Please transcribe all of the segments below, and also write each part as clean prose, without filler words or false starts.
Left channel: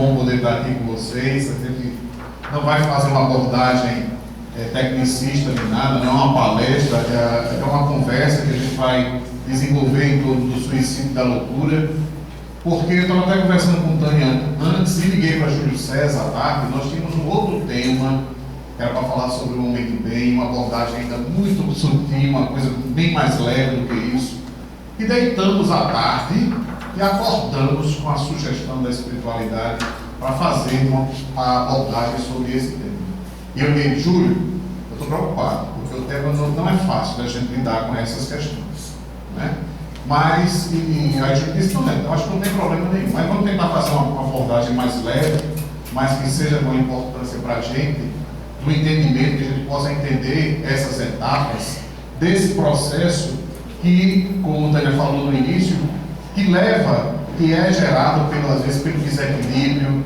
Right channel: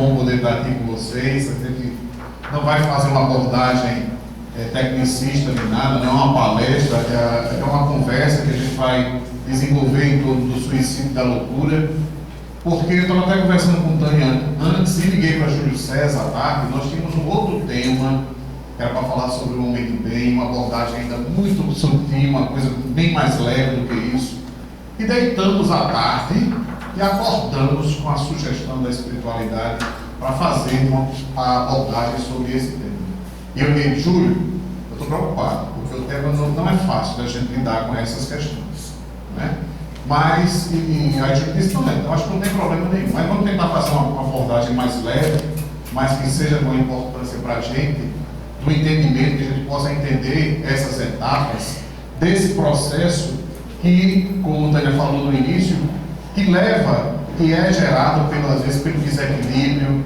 bom poder estar aqui com vocês. A gente não vai fazer uma abordagem tecnicista nem nada, não é uma palestra, é uma conversa que a gente vai desenvolver em torno do suicídio e da loucura. Porque eu estava até conversando com o Tânia antes e liguei para Júlio César à tarde. Nós tínhamos um outro tema que era para falar sobre o homem do bem, uma abordagem ainda muito sutil, uma coisa bem mais leve do que isso. E deitamos à tarde e acordamos com a sugestão da espiritualidade para fazer uma abordagem sobre esse tema. E eu disse, Júlio, eu estou preocupado, porque o tema não é fácil da gente lidar com essas questões, né? Mas, aí a gente disse, não, eu acho que não tem problema nenhum, mas vamos tentar fazer uma abordagem mais leve, mas que seja com importância para a gente, do entendimento, que a gente possa entender essas etapas desse processo que, como o Tânia falou no início, que é gerado às vezes pelo desequilíbrio,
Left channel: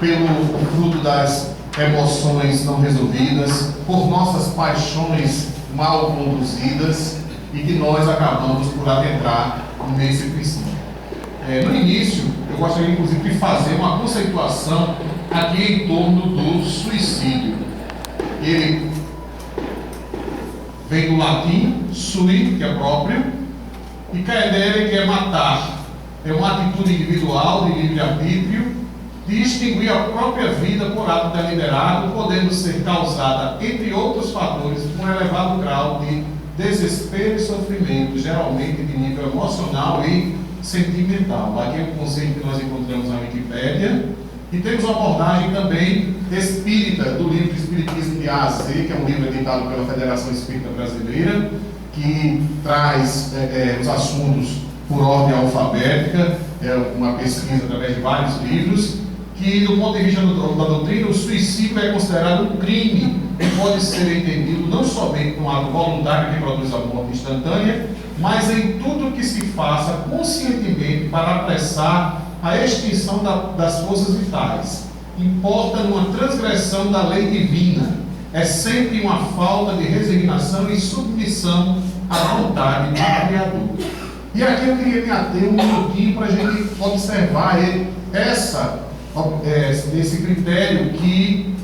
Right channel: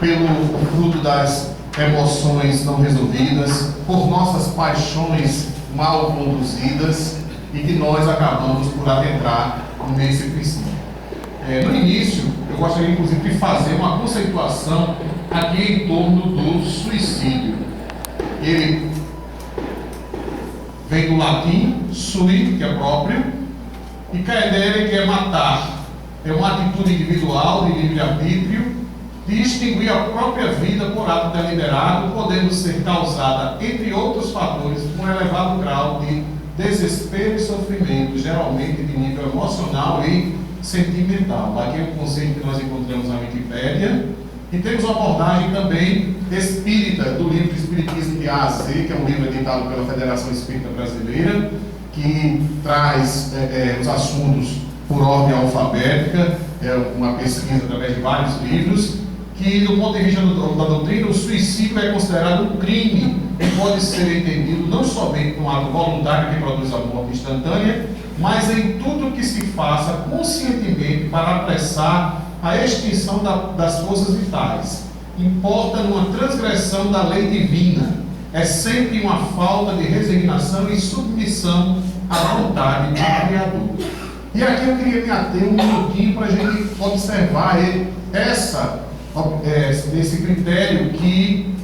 pelo fruto das emoções não resolvidas, por nossas paixões mal conduzidas e que nós acabamos por adentrar nesse princípio. No início, eu gostaria inclusive de fazer uma conceituação aqui em torno do suicídio. Ele vem do latim sui, que é próprio, e caedere, que é matar. É uma atitude individual de livre-arbítrio de extinguir a própria vida por ato deliberado, podendo ser causada, entre outros fatores, por um elevado grau de desespero e sofrimento, geralmente de nível emocional e sentimental. Aqui é o conceito que nós encontramos na Wikipédia. E temos uma abordagem também espírita, do livro Espiritismo de A a Z, que é um livro editado pela Federação Espírita Brasileira, que traz os assuntos por ordem alfabética, uma pesquisa através de vários livros, que do ponto de vista da doutrina, o suicídio é considerado um crime e pode ser entendido não somente como um ato voluntário que produz a morte instantânea, mas em tudo que se faça conscientemente para apressar a extinção das forças vitais. Importa numa transgressão da lei divina. É sempre uma falta de resignação e submissão à vontade do Criador. E aqui eu queria me ater um minutinho para a gente observar esse critério que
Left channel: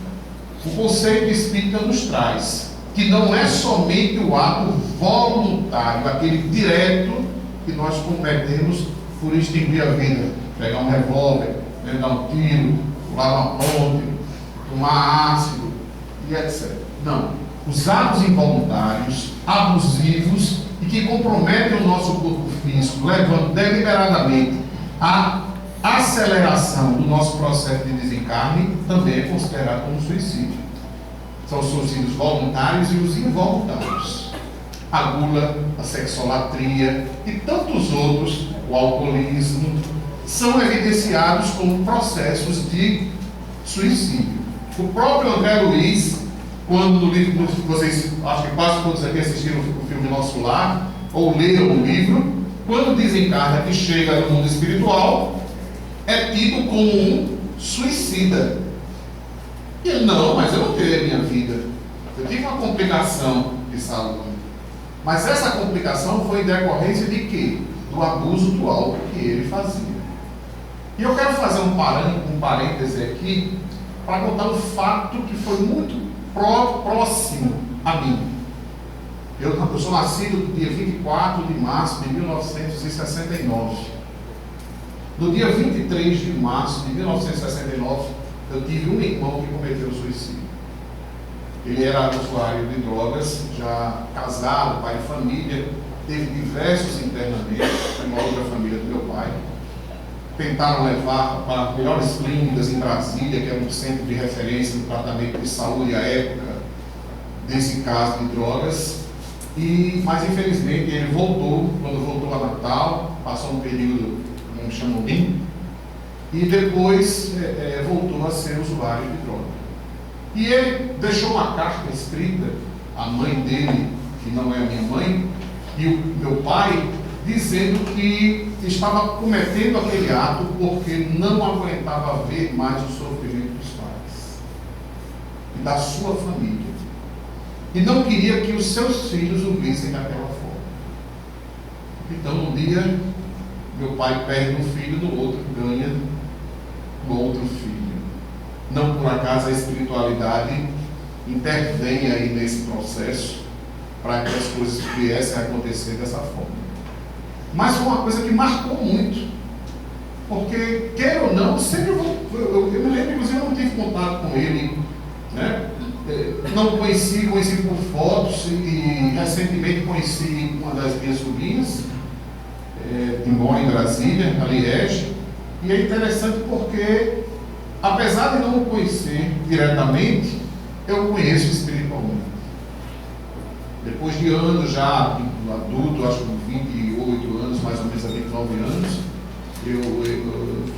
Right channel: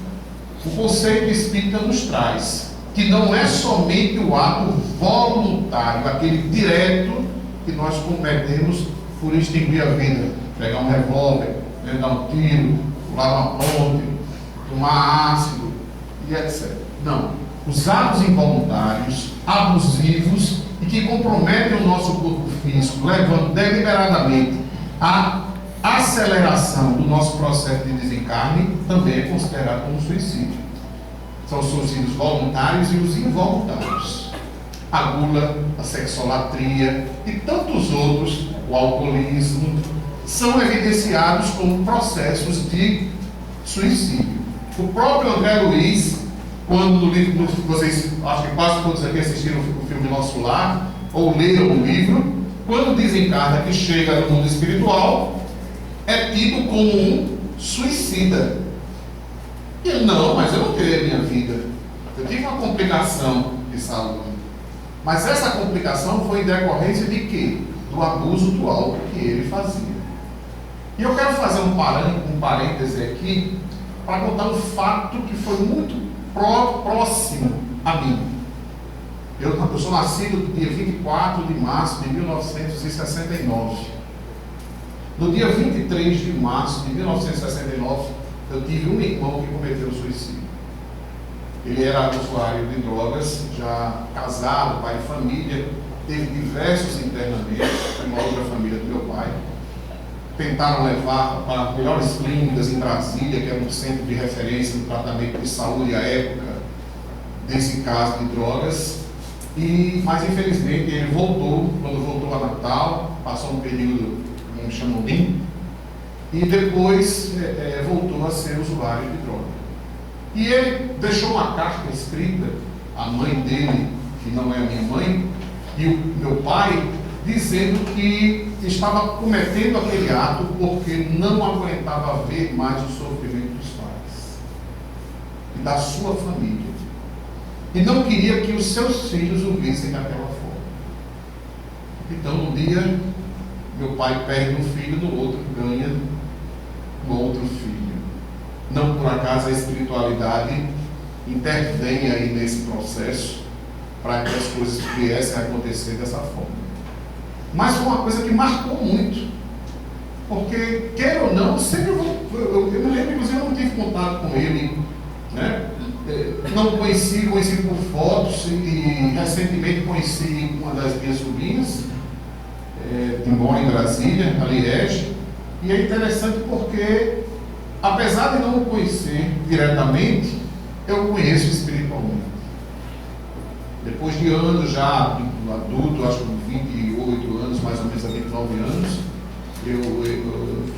o conceito espírita nos traz, que não é somente o ato voluntário, aquele direto que nós cometemos por extinguir a vida, pegar um revólver, dar um tiro, pular uma ponte, tomar ácido e etc. Não. Os atos involuntários, abusivos e que comprometem o nosso corpo físico, levando deliberadamente à aceleração do nosso processo de desencarne, também é considerado como suicídio. São os suicídios voluntários e os involuntários. A gula, a sexolatria e tantos outros, o alcoolismo, são evidenciados como processos de suicídio. O próprio André Luiz, quando no livro, vocês, acho que quase todos aqui assistiram o filme Nosso Lar, ou leram o livro, quando desencarna que chega no mundo espiritual, é tido como um suicida. E ele, não, mas eu não tirei a minha vida. Eu tive uma complicação de saúde. Mas essa complicação foi em decorrência de quê? Do abuso do álcool que ele fazia. E eu quero fazer um parêntese aqui para contar um fato que foi muito próximo a mim. Eu sou nascido no dia 24 de março de 1969. No dia 23 de março de 1969, eu tive um irmão que cometeu suicídio. Ele era usuário de drogas, já casado, pai de família, teve diversos internamentos em uma outra família do meu pai. Tentaram levar para melhores clínicas em Brasília, que era um centro de referência no tratamento de saúde à época desse caso de drogas. Mas infelizmente ele voltou, quando voltou a Natal, passou um período, como chamam limpo, e depois voltou a ser usuário de droga. E ele deixou uma carta escrita à mãe dele, que não é a minha mãe, e o meu pai, dizendo que estava cometendo aquele ato porque não aguentava ver mais o sofrimento dos pais e da sua família. E não queria que os seus filhos o vissem daquela forma. Então, um dia, meu pai perde um filho, no outro ganha um outro acaso a espiritualidade intervém aí nesse processo para que as coisas viessem a acontecer dessa forma. Mas foi uma coisa que marcou muito, porque, quer ou não, sempre eu me lembro, inclusive, eu não tive contato com ele, né? Não conheci por fotos, e recentemente conheci uma das minhas sobrinhas, que mora em Brasília, a Liege, e é interessante porque, apesar de não o conhecer diretamente, eu o conheço espiritualmente. Depois de anos já adulto, acho que 28 anos, mais ou menos a 29 anos, eu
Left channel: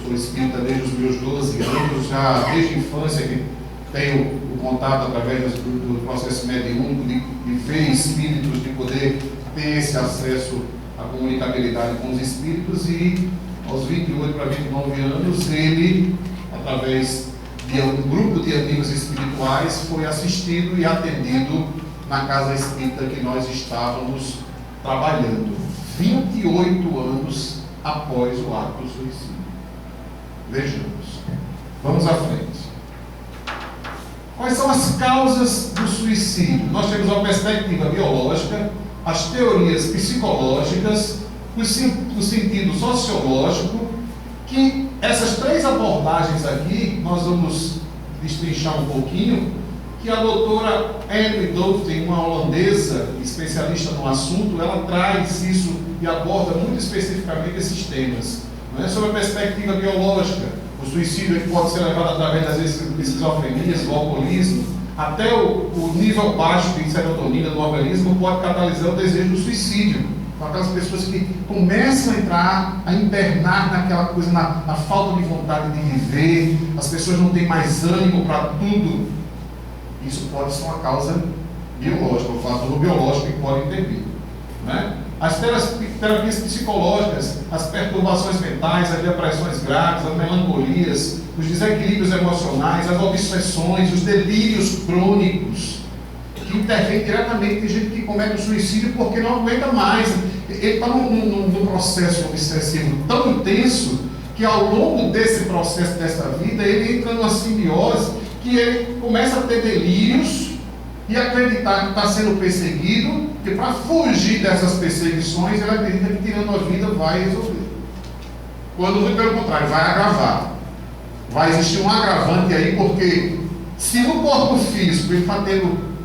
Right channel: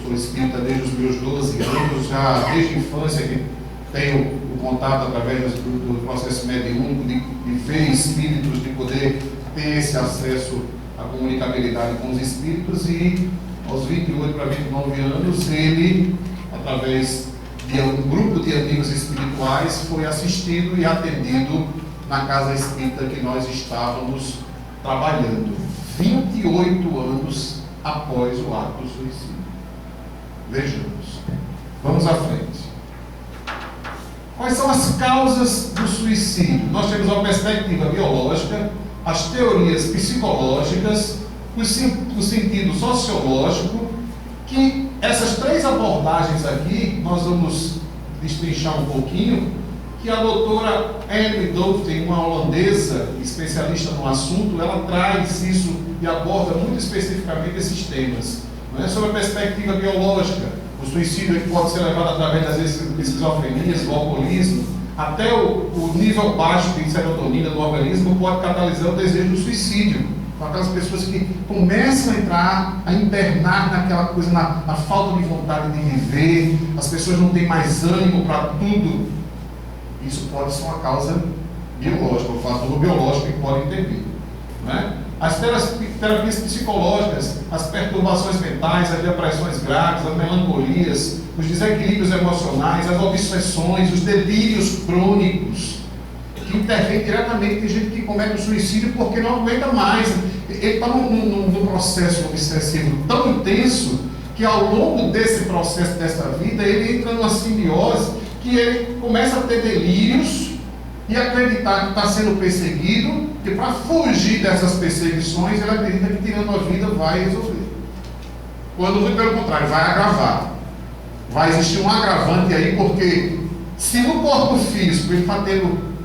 sou espírita desde os meus 12 anos, já desde a infância que tenho o contato através do processo mediúnico, de ver espíritos, de poder ter esse acesso à comunicabilidade com os espíritos, e aos 28 para 29 anos, ele, através de um grupo de amigos espirituais, foi assistido e atendido na casa espírita que nós estávamos trabalhando, 28 anos após o ato do suicídio. Vejamos. Vamos à frente. Quais são as causas do suicídio? Nós temos uma perspectiva biológica, as teorias psicológicas, o sentido sociológico, que essas três abordagens aqui, nós vamos destrinchar um pouquinho, que a doutora Emily Dovden, uma holandesa especialista no assunto, ela traz isso e aborda muito especificamente esses temas. Não é? Sobre a perspectiva biológica, o suicídio que pode ser levado através das esquizofrenias, do alcoolismo, até o nível baixo de serotonina do organismo pode catalisar o desejo do suicídio. Com aquelas pessoas que começam a entrar, a internar naquela coisa, na falta de vontade de viver, as pessoas não têm mais ânimo para tudo. Isso pode ser uma causa biológica, um fator biológico que pode intervir. Né? As terapias psicológicas, as perturbações mentais, as depressões graves, as melancolias, os desequilíbrios emocionais, as obsessões, os delírios crônicos, que intervêm diretamente. Tem gente que comete o suicídio porque não aguenta mais. Ele está num processo obsessivo tão intenso que, ao longo desse processo, dessa vida, ele entra numa simbiose que ele começa a ter delírios e acreditar que está sendo perseguido, que para fugir dessas perseguições, ele acredita que tirando a vida vai resolver. Quando, pelo contrário, vai agravar. Vai existir um agravante aí, porque se no corpo físico ele está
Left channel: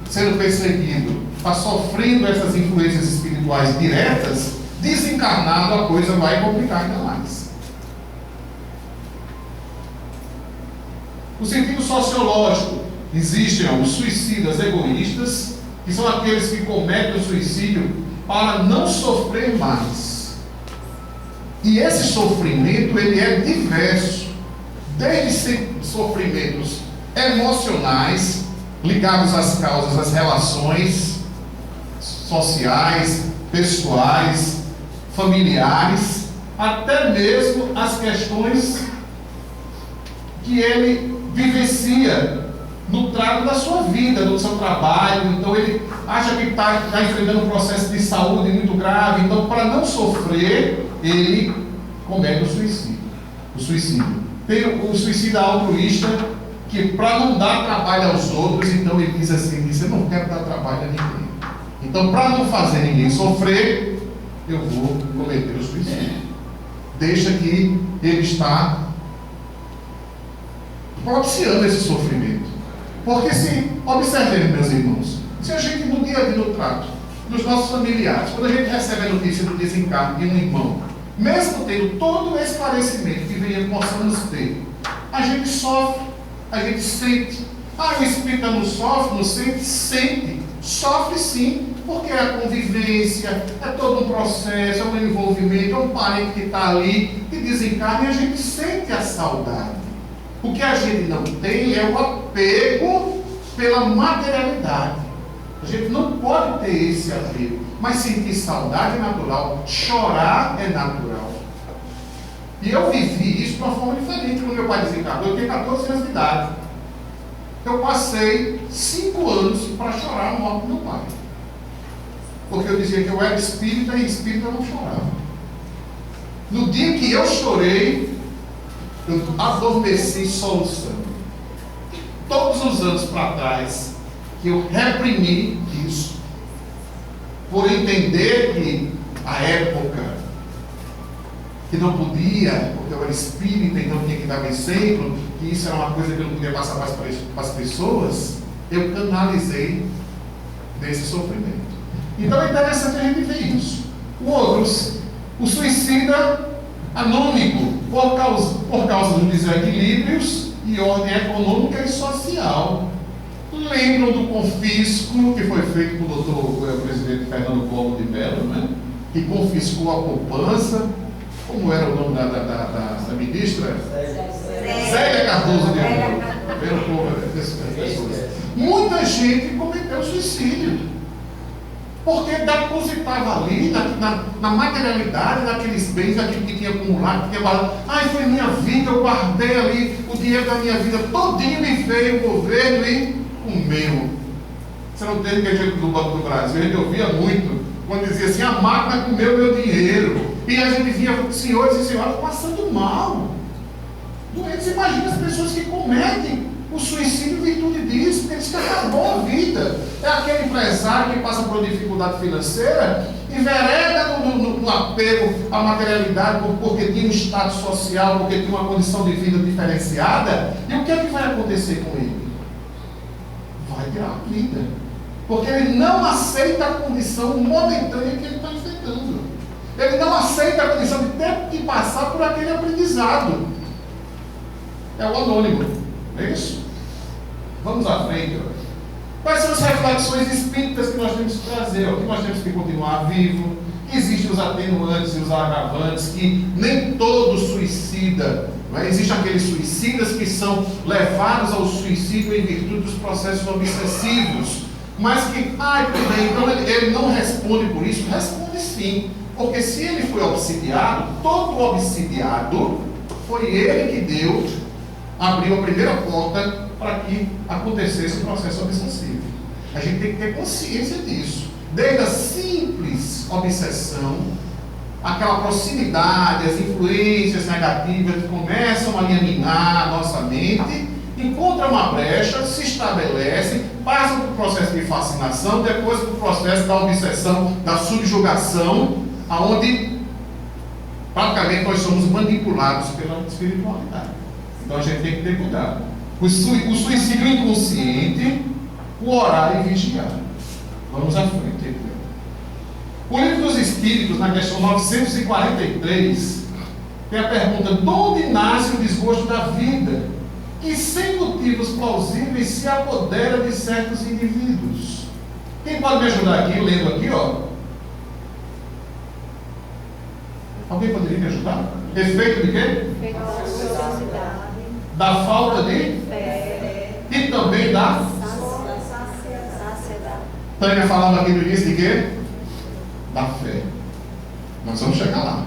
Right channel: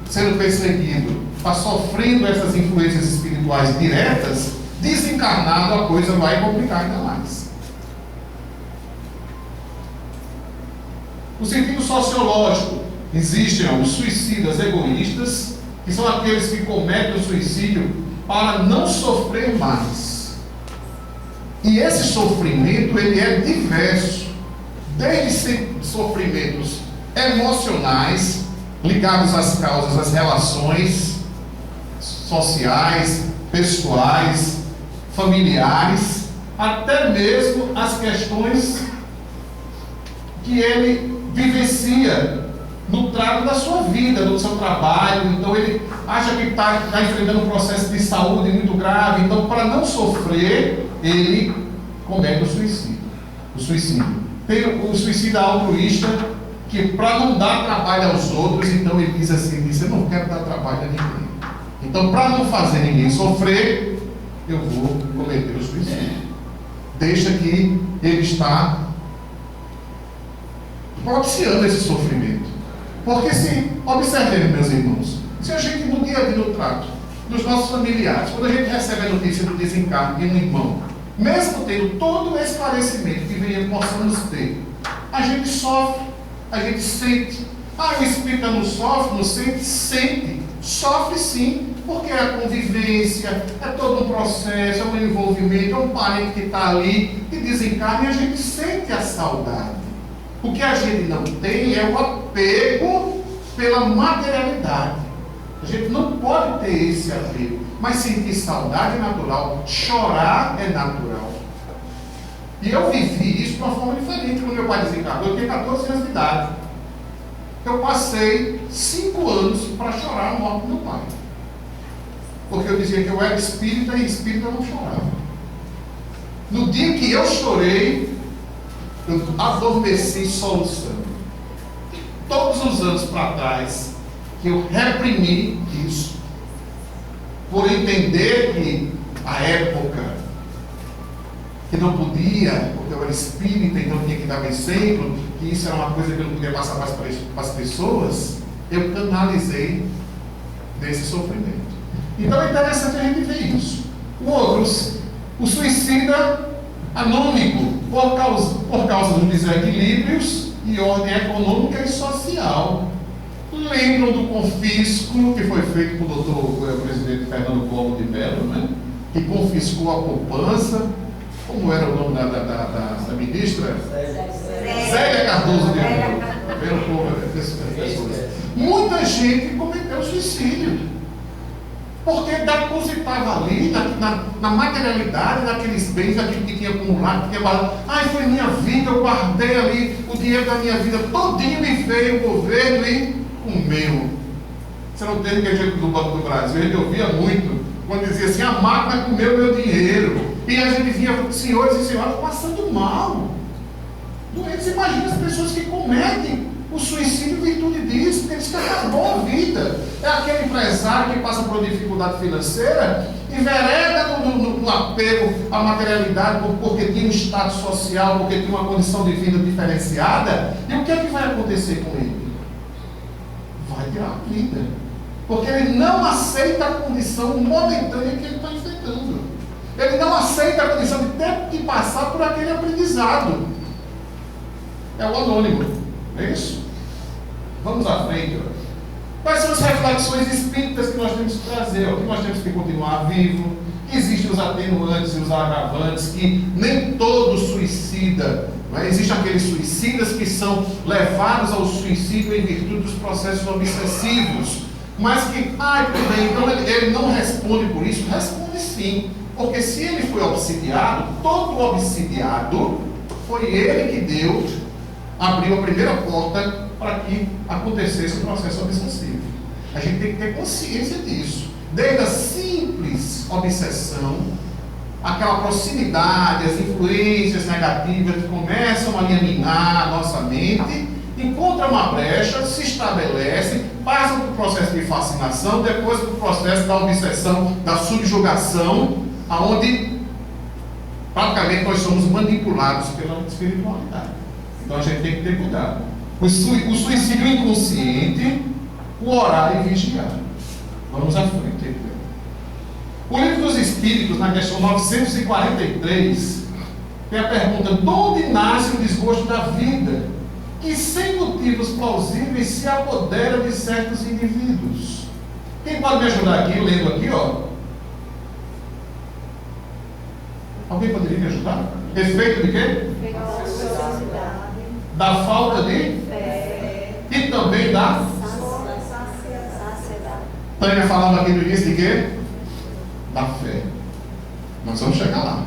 sendo perseguido, está sofrendo essas influências espirituais diretas, desencarnado a coisa vai complicar ainda mais. No sentido sociológico, existem os suicidas egoístas, que são aqueles que cometem o suicídio para não sofrer mais. E esse sofrimento, ele é diverso, desde sofrimentos emocionais, ligados às causas, às relações sociais, pessoais, familiares, até mesmo as questões que ele vivencia no trato da sua vida, do seu trabalho. Então ele acha que está enfrentando um processo de saúde muito grave, então, para não sofrer, ele comete o suicídio. Tem o suicida altruísta, que para não dar trabalho aos outros, então ele diz assim, eu não quero dar trabalho a ninguém, então para não fazer ninguém sofrer, eu vou cometer o suicídio. Deixa que ele está propiciando esse sofrimento. Porque se, observem, meus irmãos, se a gente no dia a dia do trato dos nossos familiares, quando a gente recebe a notícia do desencarne de um irmão, mesmo tendo todo o esclarecimento que possamos ter, a gente sofre, a gente sente. O espírita não sofre, não sente? Sente. Sofre sim, porque é a convivência, é todo um processo, é um envolvimento, é um parente que está ali, que desencarna, e a gente sente a saudade. O que a gente não tem é o apego pela materialidade. A gente não pode ter esse apego, mas sentir saudade é natural, chorar é natural. E eu vivi isso de uma forma diferente. Quando meu pai desencarnou, eu tinha 14 anos de idade. Eu passei 5 anos para chorar a morte do meu pai. Porque eu dizia que eu era espírita e espírita não chorava. No dia que eu chorei, eu adormeci soluçando. todos os anos para trás, que eu reprimi isso, por entender que a época, que não podia, porque eu era espírita, então tinha que dar exemplo, que isso era uma coisa que eu não podia passar para as pessoas, eu canalizei desse sofrimento. Então é interessante a gente ver isso. O suicida anônimo, por causa dos desequilíbrios e ordem econômica e social. Lembram do confisco que foi feito pelo doutor presidente Fernando Collor de Mello, né? Que confiscou a poupança. Como era o nome da ministra? Zélia Cardoso de Mello. Pelo povo, pessoas. Muita gente cometeu suicídio. Porque depositava ali, na materialidade, naqueles bens, naquilo que tinha acumulado, que tinha guardado. Ai, foi minha vida, eu guardei ali o dinheiro da minha vida todinho e veio o governo e comeu. Você não tem que jeito do Banco do Brasil, a gente ouvia muito, quando dizia assim, a máquina comeu meu dinheiro. E a gente via senhores e senhoras passando mal. Doentes, imagina as pessoas que cometem o suicídio em virtude disso, porque diz que acabou a vida. É aquele empresário que passa por uma dificuldade financeira, envereda no apego à materialidade, porque tinha um status social, porque tinha uma condição de vida diferenciada. E o que é que vai acontecer com ele? Vai tirar a vida. Porque ele não aceita a condição momentânea que ele está enfrentando. Ele não aceita a condição de ter que passar por aquele aprendizado. É o anônimo. É isso? Vamos à frente. Quais são as reflexões espíritas que nós temos que trazer? Que nós temos que continuar vivo. Que existem os atenuantes e os agravantes, que nem todo suicida. Não é? Existem aqueles suicidas que são levados ao suicídio em virtude dos processos obsessivos. Mas que, tudo bem, então ele não responde por isso? Responde sim. Porque se ele foi obsidiado, todo obsidiado foi ele que abriu a primeira porta para que acontecesse o processo obsessivo. A gente tem que ter consciência disso. Desde a simples obsessão, aquela proximidade, as influências negativas que começam a minar a nossa mente, encontra uma brecha, se estabelece, passa para o processo de fascinação, depois para o processo da obsessão, da subjugação, aonde praticamente nós somos manipulados pela espiritualidade. Então a gente tem que ter cuidado. O suicídio inconsciente, o orar e vigiar. Vamos à frente. O Livro dos Espíritos, na questão 943, tem a pergunta: de onde nasce o desgosto da vida, que sem motivos plausíveis se apodera de certos indivíduos? Quem pode me ajudar aqui, lendo aqui, ó? Alguém poderia me ajudar? Efeito de quê? Da falta de fé. E também da saciedade. Tânia falava aqui no início de quê? Da fé. Nós vamos chegar lá.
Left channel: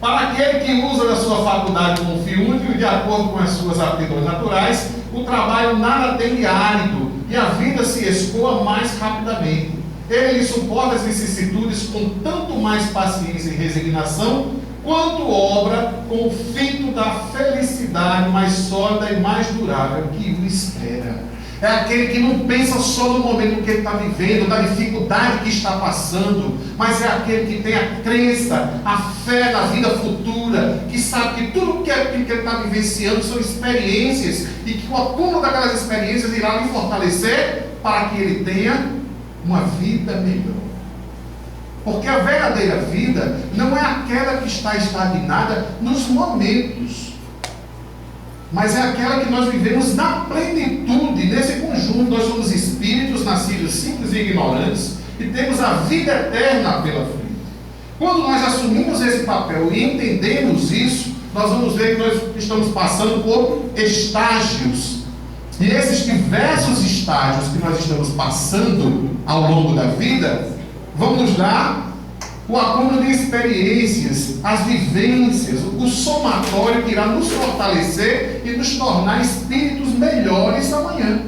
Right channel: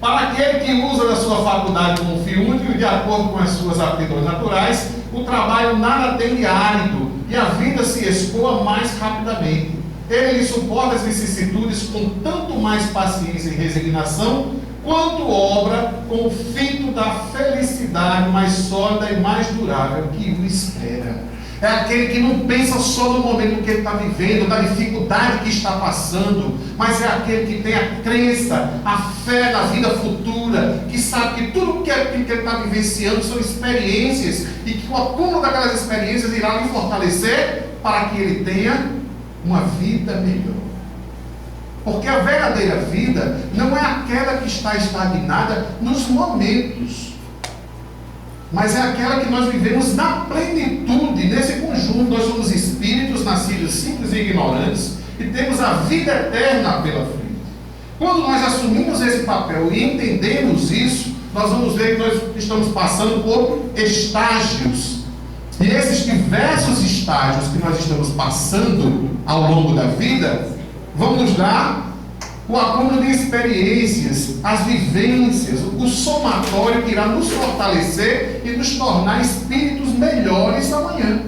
Para aquele que usa da sua faculdade como fio único, de acordo com as suas aptidões naturais, o trabalho nada tem de árido e a vida se escoa mais rapidamente. Ele lhe suporta as vicissitudes com tanto mais paciência e resignação, quanto obra com o fito da felicidade mais sólida e mais durável que o espera. É aquele que não pensa só no momento que ele está vivendo, da dificuldade que está passando, mas é aquele que tem a crença, a fé na vida futura, que sabe que tudo que ele está vivenciando são experiências e que o acúmulo daquelas experiências irá lhe fortalecer para que ele tenha uma vida melhor. Porque a verdadeira vida não é aquela que está estagnada nos momentos, mas é aquela que nós vivemos na plenitude. Nesse conjunto, nós somos espíritos nascidos simples e ignorantes e temos a vida eterna pela frente. Quando nós assumimos esse papel e entendemos isso, nós vamos ver que nós estamos passando por estágios. E esses diversos estágios que nós estamos passando ao longo da vida vão nos dar o acúmulo de experiências, as vivências, o somatório que irá nos fortalecer e nos tornar espíritos melhores amanhã.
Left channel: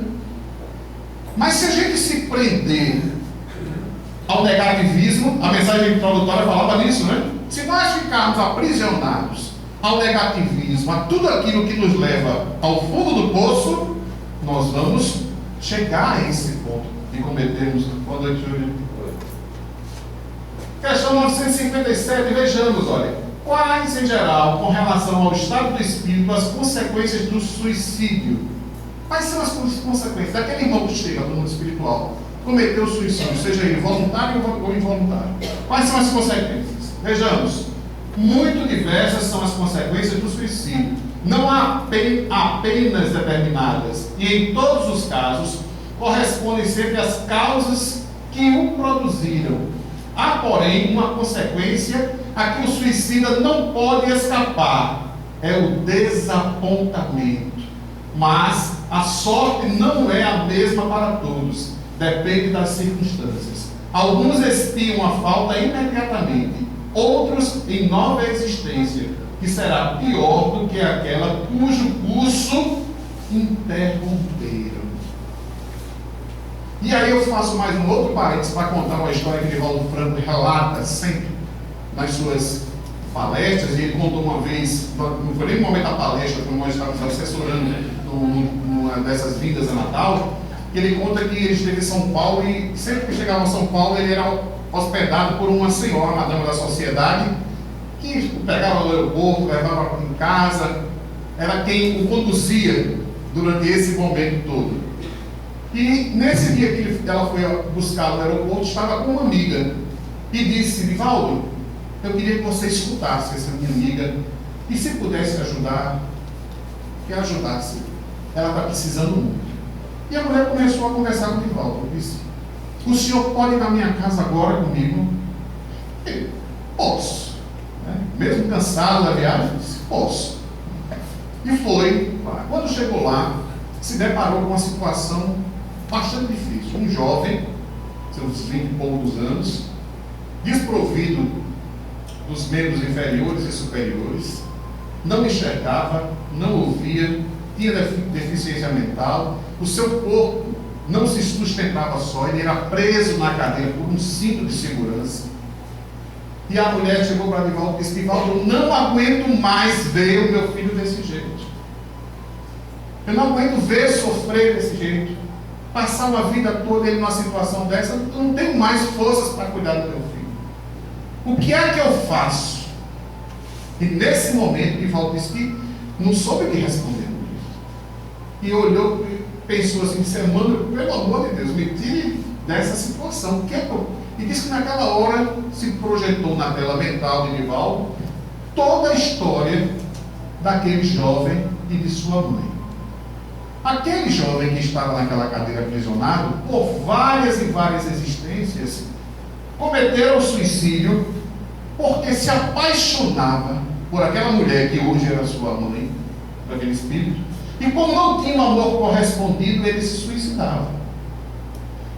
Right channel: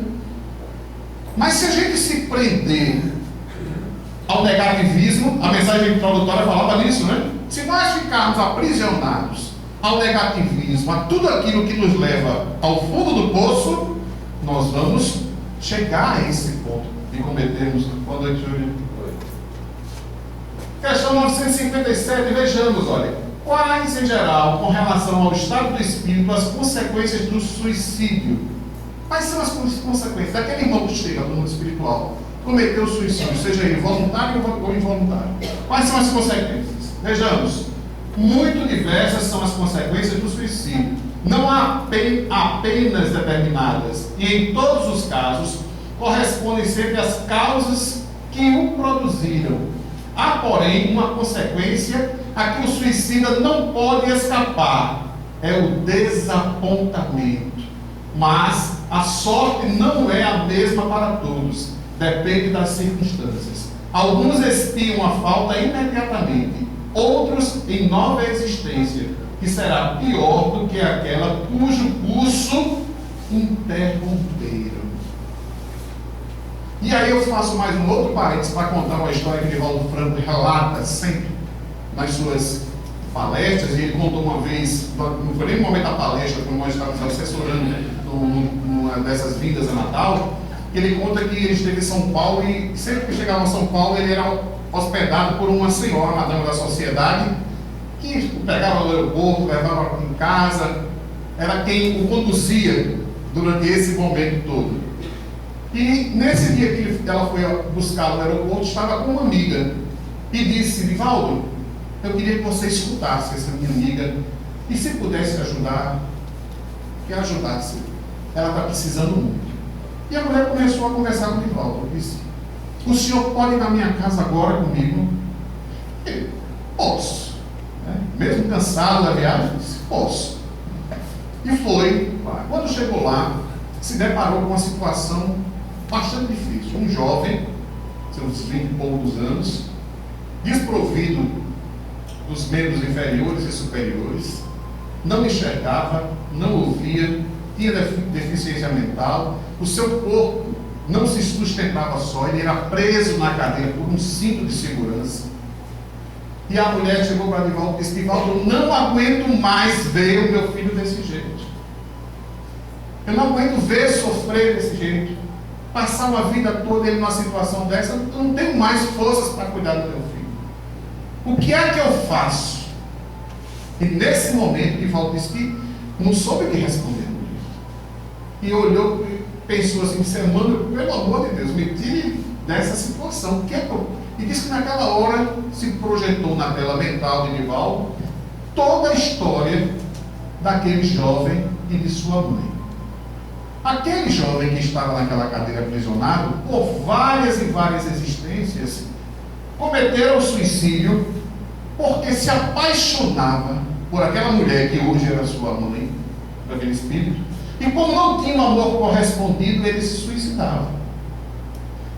Mas se a gente se prender ao negativismo, a mensagem introdutória falava nisso, né? Se nós ficarmos aprisionados ao negativismo, a tudo aquilo que nos leva ao fundo do poço, nós vamos chegar a esse ponto de cometermos. Boa noite, Júlio. Questão 957, vejamos, olha. Quais, em geral, com relação ao estado do espírito, as consequências do suicídio? Quais são as consequências daquele irmão que chega no mundo espiritual, cometeu suicídio, seja ele voluntário ou involuntário? Quais são as consequências? Vejamos. Muito diversas são as consequências do suicídio. Não há apenas determinadas, e em todos os casos, correspondem sempre às causas que o produziram. Há, porém, uma consequência a que o suicida não pode escapar: é o desapontamento. Mas a sorte não é a mesma para todos, depende das circunstâncias. Alguns expiam a falta imediatamente, outros em nova existência, que será pior do que aquela cujo curso interromperam. E aí eu faço mais um outro parênteses para contar uma história que Divaldo Franco relata sempre nas suas palestras. E ele contou uma vez, não foi nem no momento da palestra, quando nós estávamos assessorando numa dessas vindas a Natal, que ele conta que ele esteve em São Paulo e sempre que chegava a São Paulo ele era hospedado por uma senhora, uma dama da sociedade, que o pegava no aeroporto, levava em casa, era quem o conduzia durante esse momento todo. E nesse dia que ela foi buscá-lo no aeroporto, estava com uma amiga e disse: Divaldo, eu queria que você escutasse essa minha amiga e se pudesse ajudar, que ajudasse. Ela está precisando muito. E a mulher começou a conversar com o Divaldo. Disse: o senhor pode ir na minha casa agora comigo? Ele: posso. Mesmo cansado da viagem, disse: posso. E foi lá. Quando chegou lá, se deparou com uma situação bastante difícil. Um jovem, seus 20 e poucos anos, desprovido dos membros inferiores e superiores, não enxergava, não ouvia, tinha deficiência mental, o seu corpo não se sustentava só, ele era preso na cadeira por um cinto de segurança. E a mulher chegou para Divaldo e disse: Divaldo, eu não aguento mais ver o meu filho desse jeito. Eu não aguento ver sofrer desse jeito. Passar uma vida toda ele numa situação dessa, eu não tenho mais forças para cuidar do meu filho. O que é que eu faço? E nesse momento, Divaldo disse que não soube o que responder. E olhou e pensou assim: mano, pelo amor de Deus, me tire dessa situação. O que é que eu... E disse que naquela hora se projetou na tela mental de Divaldo toda a história daquele jovem e de sua mãe. Aquele jovem que estava naquela cadeira aprisionado, por várias e várias existências, cometeram suicídio porque se apaixonava por aquela mulher que hoje era sua mãe, por aquele espírito, e como não tinha um amor correspondido, ele se suicidava.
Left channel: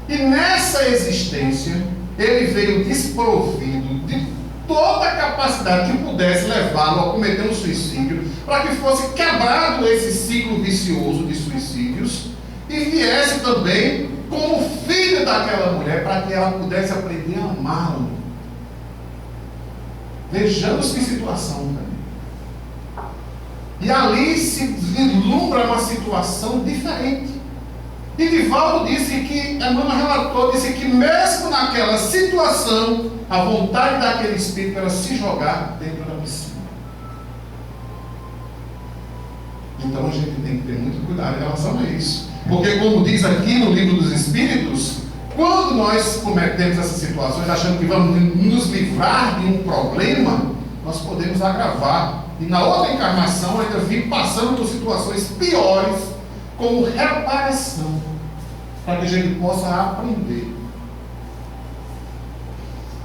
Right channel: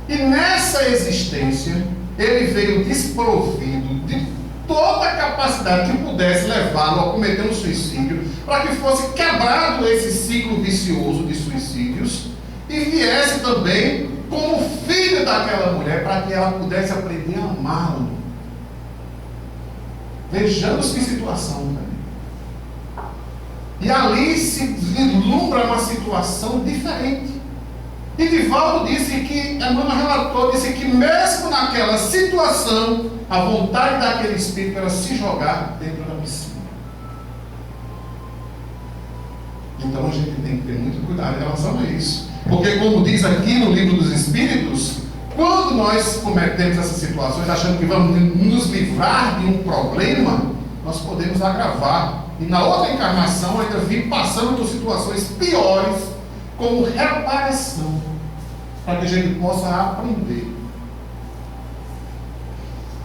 E nessa existência, ele veio desprovido de toda a capacidade que pudesse levá-lo a cometer um suicídio, para que fosse quebrado esse ciclo vicioso de suicídios e viesse também como filho daquela mulher, para que ela pudesse aprender a amá-lo. Vejamos que situação também. E ali se vislumbra uma situação diferente. E Divaldo disse que, a Emmanuel relatou, disse que mesmo naquela situação, a vontade daquele espírito era se jogar dentro da piscina. Então a gente tem que ter muito cuidado em relação a isso. Porque, como diz aqui no Livro dos Espíritos, quando nós cometemos essas situações, achando que vamos nos livrar de um problema, nós podemos agravar. E na outra encarnação ainda vir passando por situações piores, como reparação, para que a gente possa aprender.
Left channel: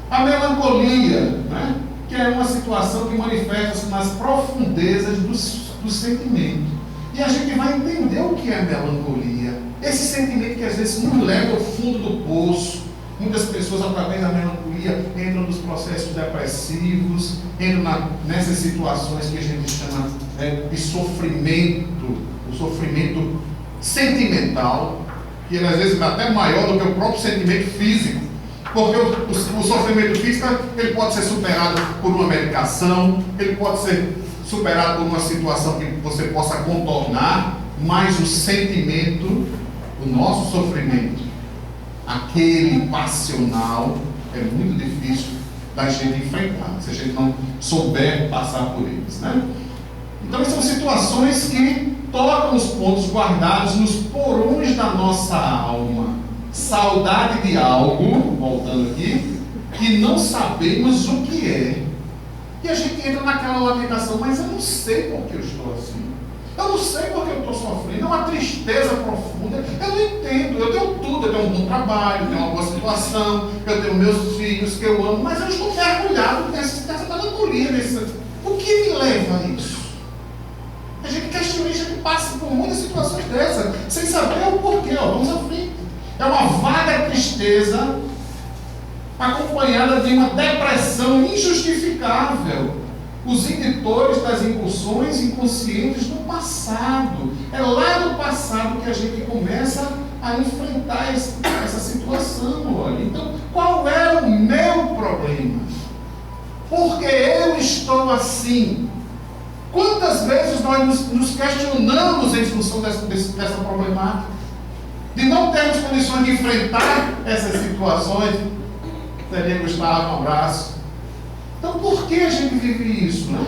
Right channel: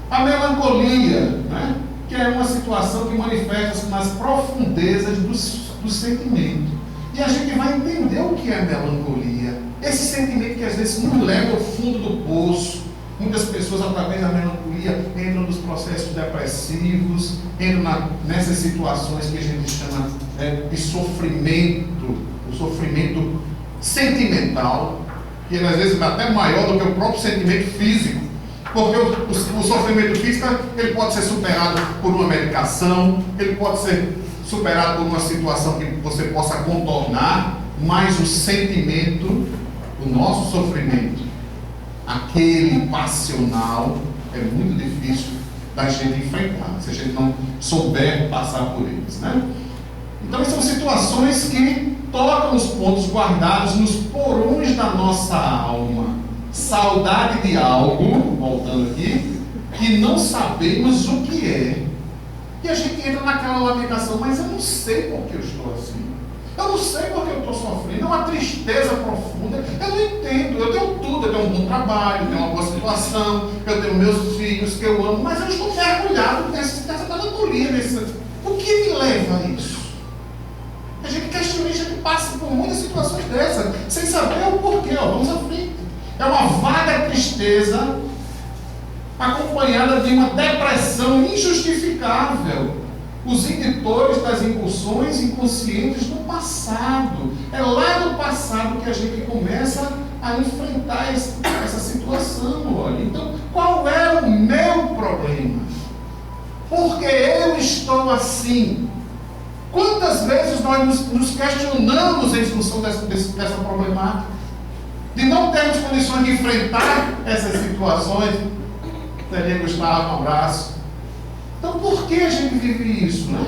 A melancolia, né? Que é uma situação que manifesta-se nas profundezas do sentimento. E a gente vai entender o que é melancolia. Esse sentimento que às vezes nos leva ao fundo do poço. Muitas pessoas, através da melancolia, entram nos processos depressivos, entram nessas situações que a gente chama de sofrimento, o sofrimento sentimental, que às vezes é até maior do que o próprio sentimento físico, porque o sofrimento físico ele pode ser superado por uma medicação, ele pode ser superado por uma situação que você possa contornar, mas o sentimento, o nosso sofrimento, aquele passional, é muito difícil da gente enfrentar, se a gente não souber passar por eles, né? Então são situações que tocam os pontos guardados nos porões da nossa alma. Saudade de algo, voltando aqui, que não sabemos o que é. E a gente entra naquela lamentação, mas eu não sei por que eu estou assim. Eu não sei por que eu estou sofrendo. É uma tristeza profunda. Eu não entendo. Eu tenho tudo. Eu tenho um bom trabalho, eu tenho uma boa situação, eu tenho meus filhos que eu amo, mas eu estou mergulhado nessa melancolia. O que me leva a isso? A gente questiona, a gente passa por muitas situações dessas, sem saber o porquê. Vamos à frente. É uma vaga tristeza acompanhada de uma depressão injustificável. Os indutores das impulsões inconscientes do passado. É lá no passado que a gente começa a enfrentar essa situação. Olha. Então, qual é o meu problema? Porque eu estou assim. Quantas vezes nós nos questionamos em função dessa problemática? De não termos condições de enfrentar essas situações. Seria Gustavo, um abraço. Então, por que a gente vive isso, né?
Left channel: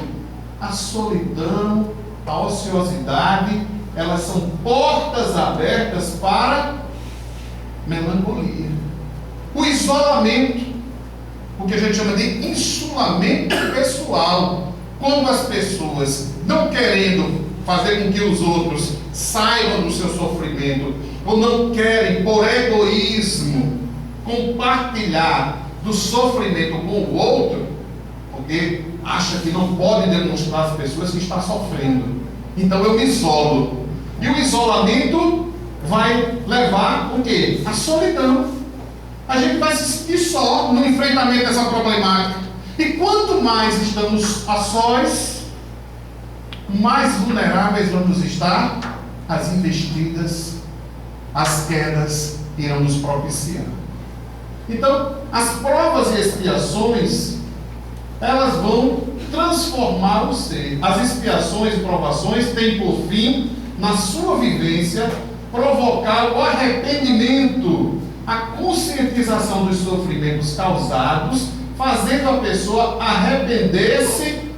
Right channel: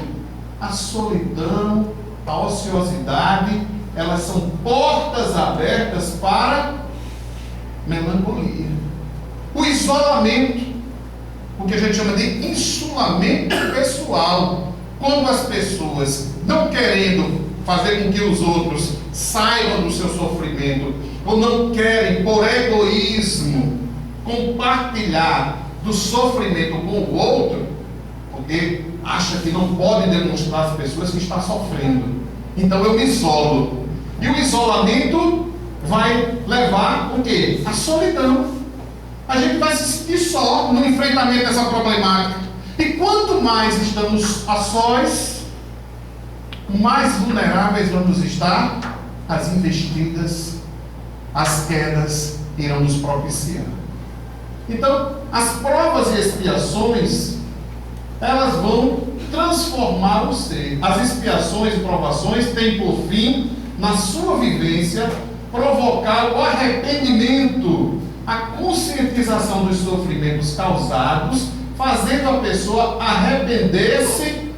A solidão, a ociosidade, elas são portas abertas para melancolia. O isolamento, o que a gente chama de insulamento pessoal, quando as pessoas, não querendo fazer com que os outros saibam do seu sofrimento, ou não querem, por egoísmo, compartilhar do sofrimento com o outro, porque acha que não pode demonstrar às pessoas que está sofrendo. Então eu me isolo. E o isolamento vai levar o quê? A solidão. A gente vai se sentir só no enfrentamento dessa problemática. E quanto mais estamos a sós, mais vulneráveis vamos estar às investidas, às quedas irão nos propiciar. Então, as provas e expiações, elas vão transformar o ser. As expiações e provações têm por fim, na sua vivência, provocar o arrependimento, a conscientização dos sofrimentos causados, fazendo a pessoa arrepender-se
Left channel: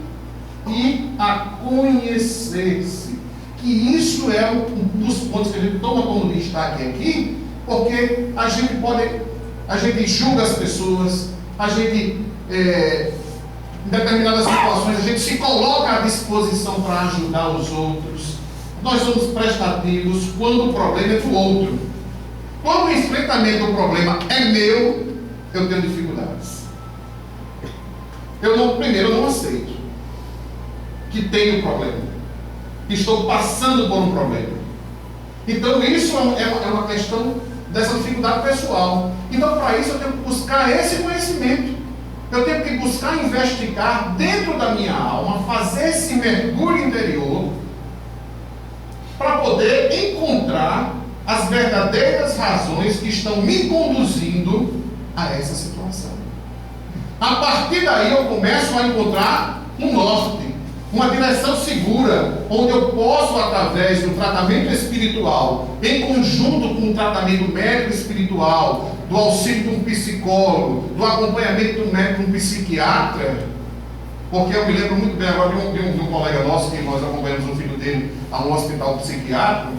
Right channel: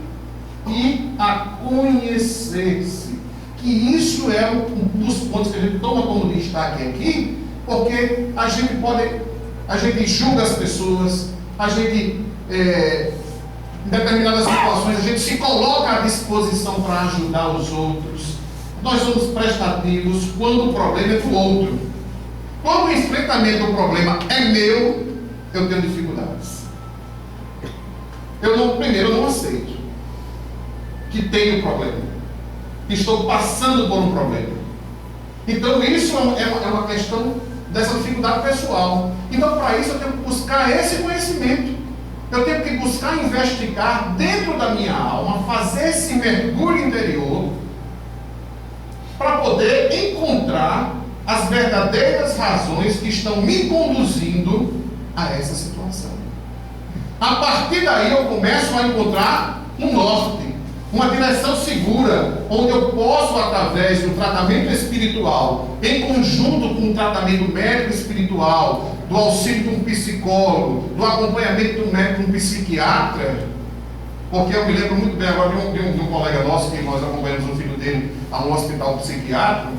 e a conhecer-se. Que isso é um dos pontos que a gente toma como destaque aqui, porque a gente julga as pessoas, a gente, em determinadas situações, a gente se coloca à disposição para ajudar os outros. Nós somos prestativos quando o problema é do outro. Quando o enfrentamento do problema é meu, eu tenho dificuldades. Primeiro, eu não aceito que tenho problema, que estou passando por um problema. Então, isso é uma questão dessa dificuldade pessoal. Então, para isso, eu tenho que buscar esse conhecimento. Eu tenho que buscar investigar dentro da minha alma, fazer esse mergulho interior, para poder encontrar as verdadeiras razões que estão me conduzindo a essa situação. A partir daí eu começo a encontrar um norte, uma direção segura, onde eu posso, através do tratamento espiritual, em conjunto com o tratamento médico espiritual, do auxílio de um psicólogo, do acompanhamento de um médico, de um psiquiatra, porque eu me lembro muito bem agora de um colega nosso, que nós acompanhamos o filho dele a um hospital psiquiátrico,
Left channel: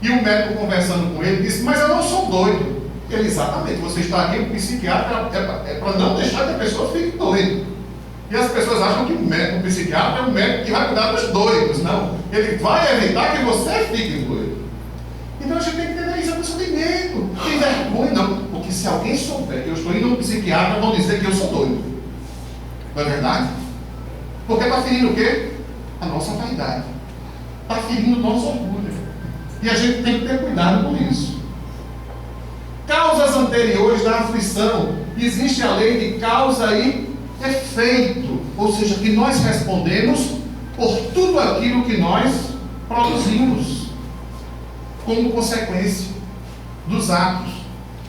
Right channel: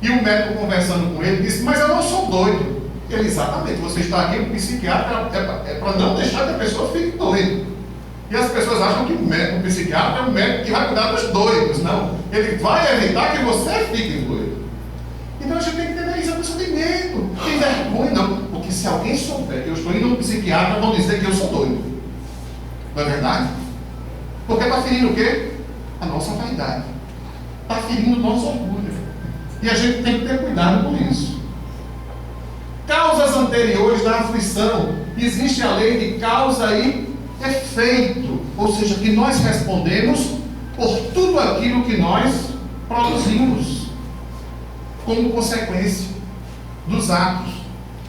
e o médico conversando com ele disse: mas eu não sou doido. Ele: exatamente, você está aqui com psiquiatra é para não deixar que a pessoa fique doida. E as pessoas acham que o psiquiatra é um médico que vai cuidar dos doidos. Não, ele vai evitar que você fique doido. Então a gente tem que entender isso. A pessoa tem medo, tem vergonha, não, porque se alguém souber que eu estou indo a um psiquiatra, vão dizer que eu sou doido. Não é verdade? Porque está ferindo o quê? A nossa vaidade, está ferindo o nosso orgulho. E a gente tem que ter cuidado com isso. Causas anteriores da aflição. Existe a lei de causa e efeito. Ou seja, que nós respondemos por tudo aquilo que nós produzimos como consequência dos atos.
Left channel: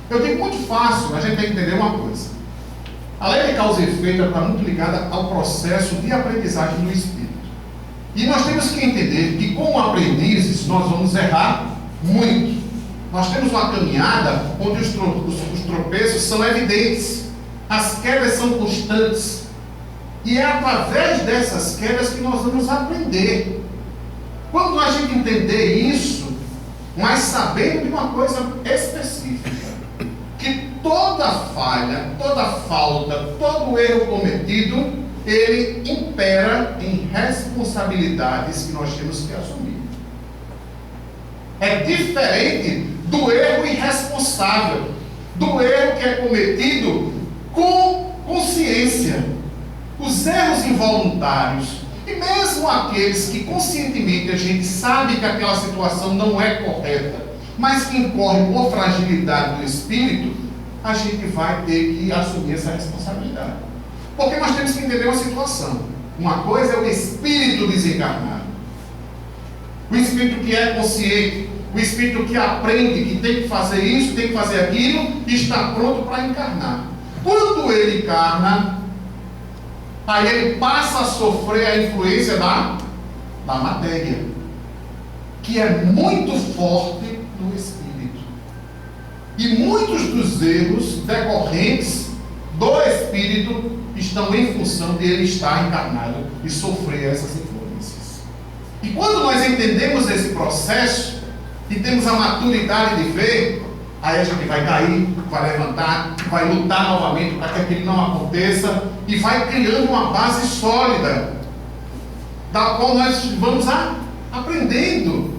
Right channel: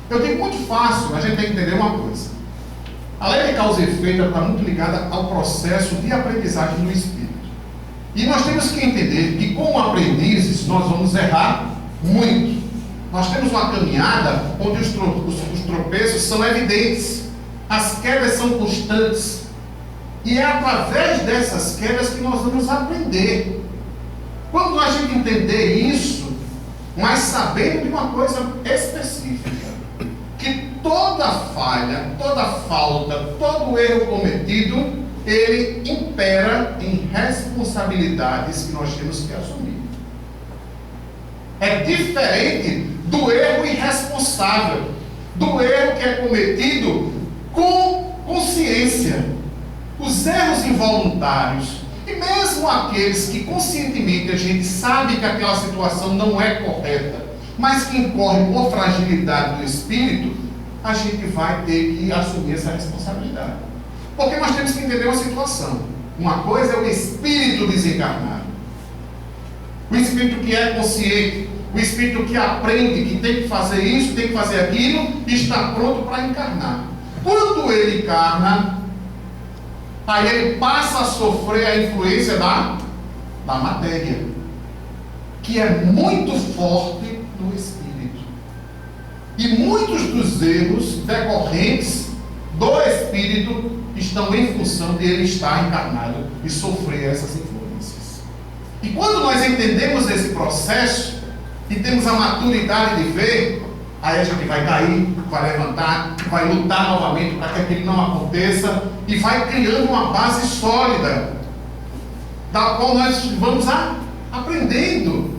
Eu digo muito fácil, a gente tem que entender uma coisa. A lei de causa e efeito está muito ligada ao processo de aprendizagem do espírito. E nós temos que entender que, como aprendizes, nós vamos errar muito. Nós temos uma caminhada onde os tropeços são evidentes, as quedas são constantes. E é através dessas quedas que nós vamos aprender. Quando a gente entender isso, mas sabendo de uma coisa específica, que toda falha, toda falta, todo erro cometido, ele impera em responsabilidades que nós temos que assumir. É diferente do erro irresponsável, do erro que é cometido com consciência. Os erros involuntários, e mesmo aqueles que conscientemente a gente sabe que aquela situação não é correta, mas que incorre por fragilidade do espírito, a gente vai ter que assumir essa responsabilidade. Porque nós temos que entender uma situação. Uma coisa é o espírito desencarnado. O espírito que é consciente, o espírito que aprende que tem que fazer isso, tem que fazer aquilo, e está pronto para encarnar. Quando ele encarna, aí ele passa a sofrer a influência da matéria, que é muito forte no espírito. E muitos dos erros decorrentes do espírito estão em função de ele estar encarnado e sofrer essas influências. E quando nós entendemos esse processo e temos a maturidade de ver, aí a gente vai cair, vai levantar, vai lutar novamente para que aquilo não aconteça e vai criando uma base sólida, da qual nós vamos aprendendo,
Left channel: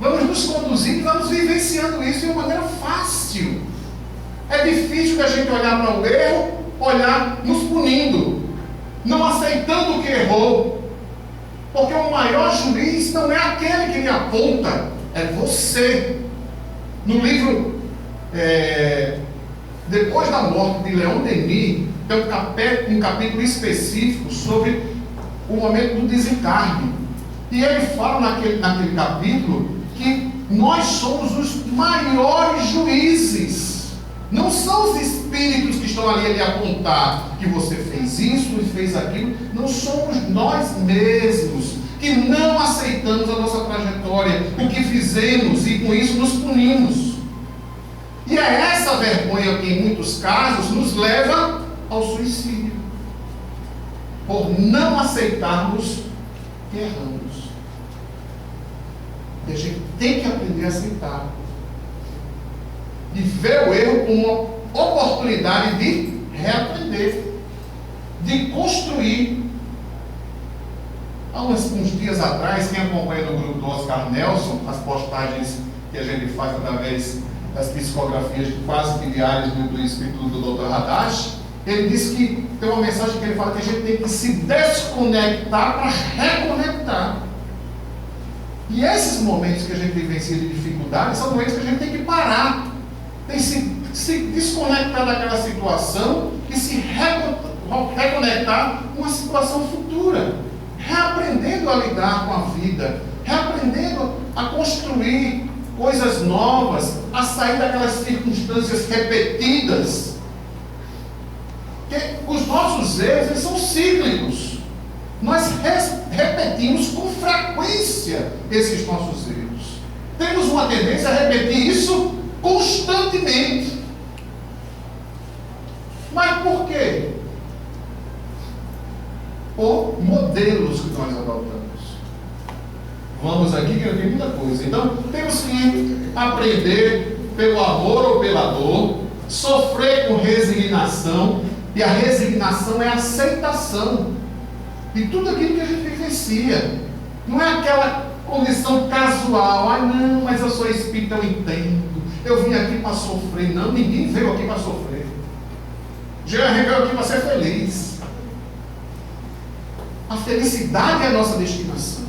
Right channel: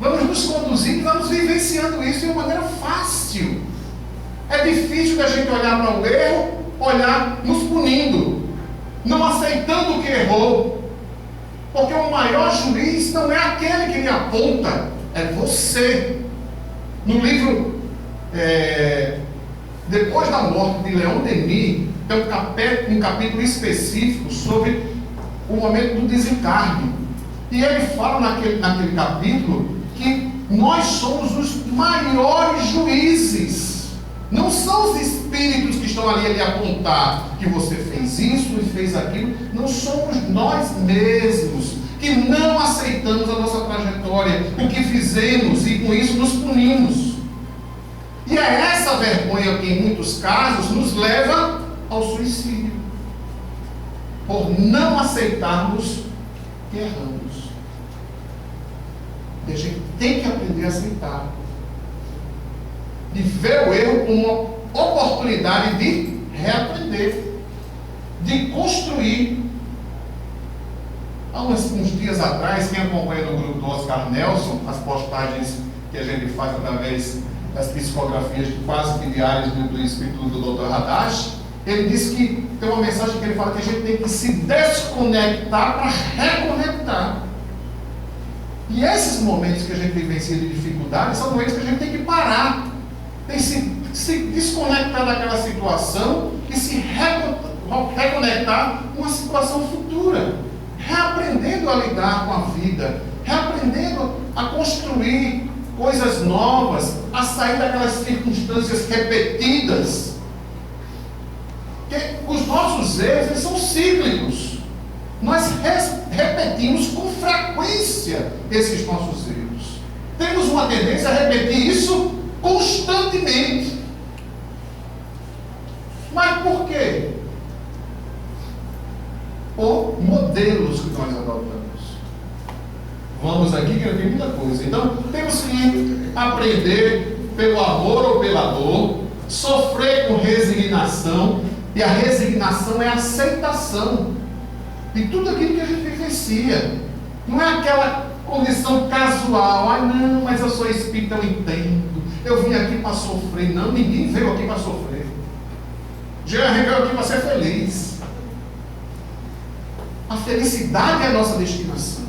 vamos nos conduzindo, vamos vivenciando isso de uma maneira fácil. É difícil da gente olhar para o erro, olhar nos punindo, não aceitando o que errou, porque o maior juiz não é aquele que lhe aponta, é você. No livro Depois da Morte, de Leon Denis, tem um capítulo específico sobre o momento do desencarne. E ele fala naquele capítulo que nós somos os maiores juízes. Não são os espíritos que estão ali a lhe apontar que você fez isso e fez aquilo. Não somos nós mesmos que não aceitamos a nossa trajetória, o que fizemos, e com isso nos punimos. E é essa vergonha que em muitos casos nos leva ao suicídio, por não aceitarmos que erramos. E a gente tem que aprender a aceitar e ver o erro como uma oportunidade de reaprender, de construir. Há uns dias atrás, quem acompanha no grupo do Oscar Nelson, as postagens que a gente faz através das psicografias quase que diárias do Espírito do Dr. Hadash, ele disse que tem uma mensagem que ele fala que a gente tem que se desconectar para reconectar. E esses momentos que a gente vivencia de dificuldade são momentos que a gente tem que parar, tem que se desconectar daquela situação e se reconectar com uma situação futura, reaprendendo a lidar com a vida, reaprendendo a construir coisas novas, a sair daquelas circunstâncias repetidas. Porque os nossos erros, eles são cíclicos. Nós repetimos com frequência esses nossos erros. Temos uma tendência a repetir isso constantemente. Mas por quê? Por modelos que nós adotamos. Vamos aqui que tem muita coisa. Então, temos que aprender pelo amor ou pela dor, sofrer com resignação, e a resignação é a aceitação de tudo aquilo que a gente vivencia. Não é aquela condição casual, não, mas eu sou espírita, eu entendo, eu vim aqui para sofrer. Não, ninguém veio aqui para sofrer. Jesus veio aqui para ser feliz. A felicidade é a nossa destinação.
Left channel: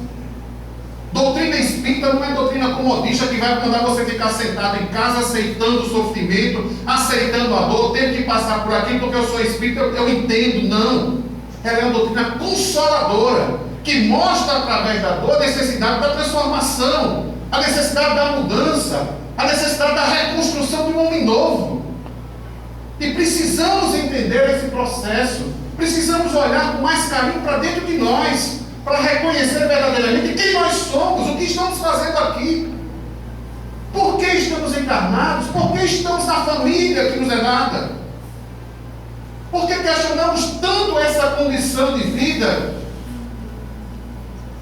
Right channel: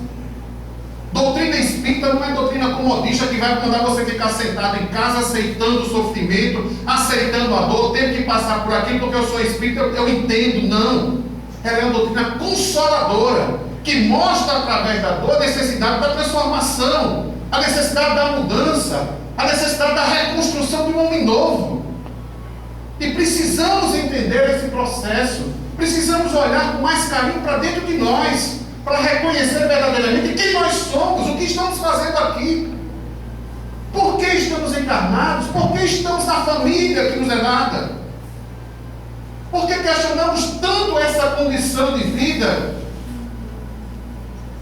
Doutrina espírita não é doutrina comodista que vai mandar você ficar sentado em casa aceitando o sofrimento, aceitando a dor, tendo que passar por aquilo porque eu sou espírita, eu entendo. Não. Ela é uma doutrina consoladora, que mostra através da dor a necessidade da transformação, a necessidade da mudança, a necessidade da reconstrução de um homem novo. E precisamos entender esse processo, precisamos olhar com mais carinho para dentro de nós, para reconhecer verdadeiramente quem nós somos, o que estamos fazendo aqui. Por que estamos encarnados? Por que estamos na família que nos é dada? Por que questionamos tanto essa condição de vida?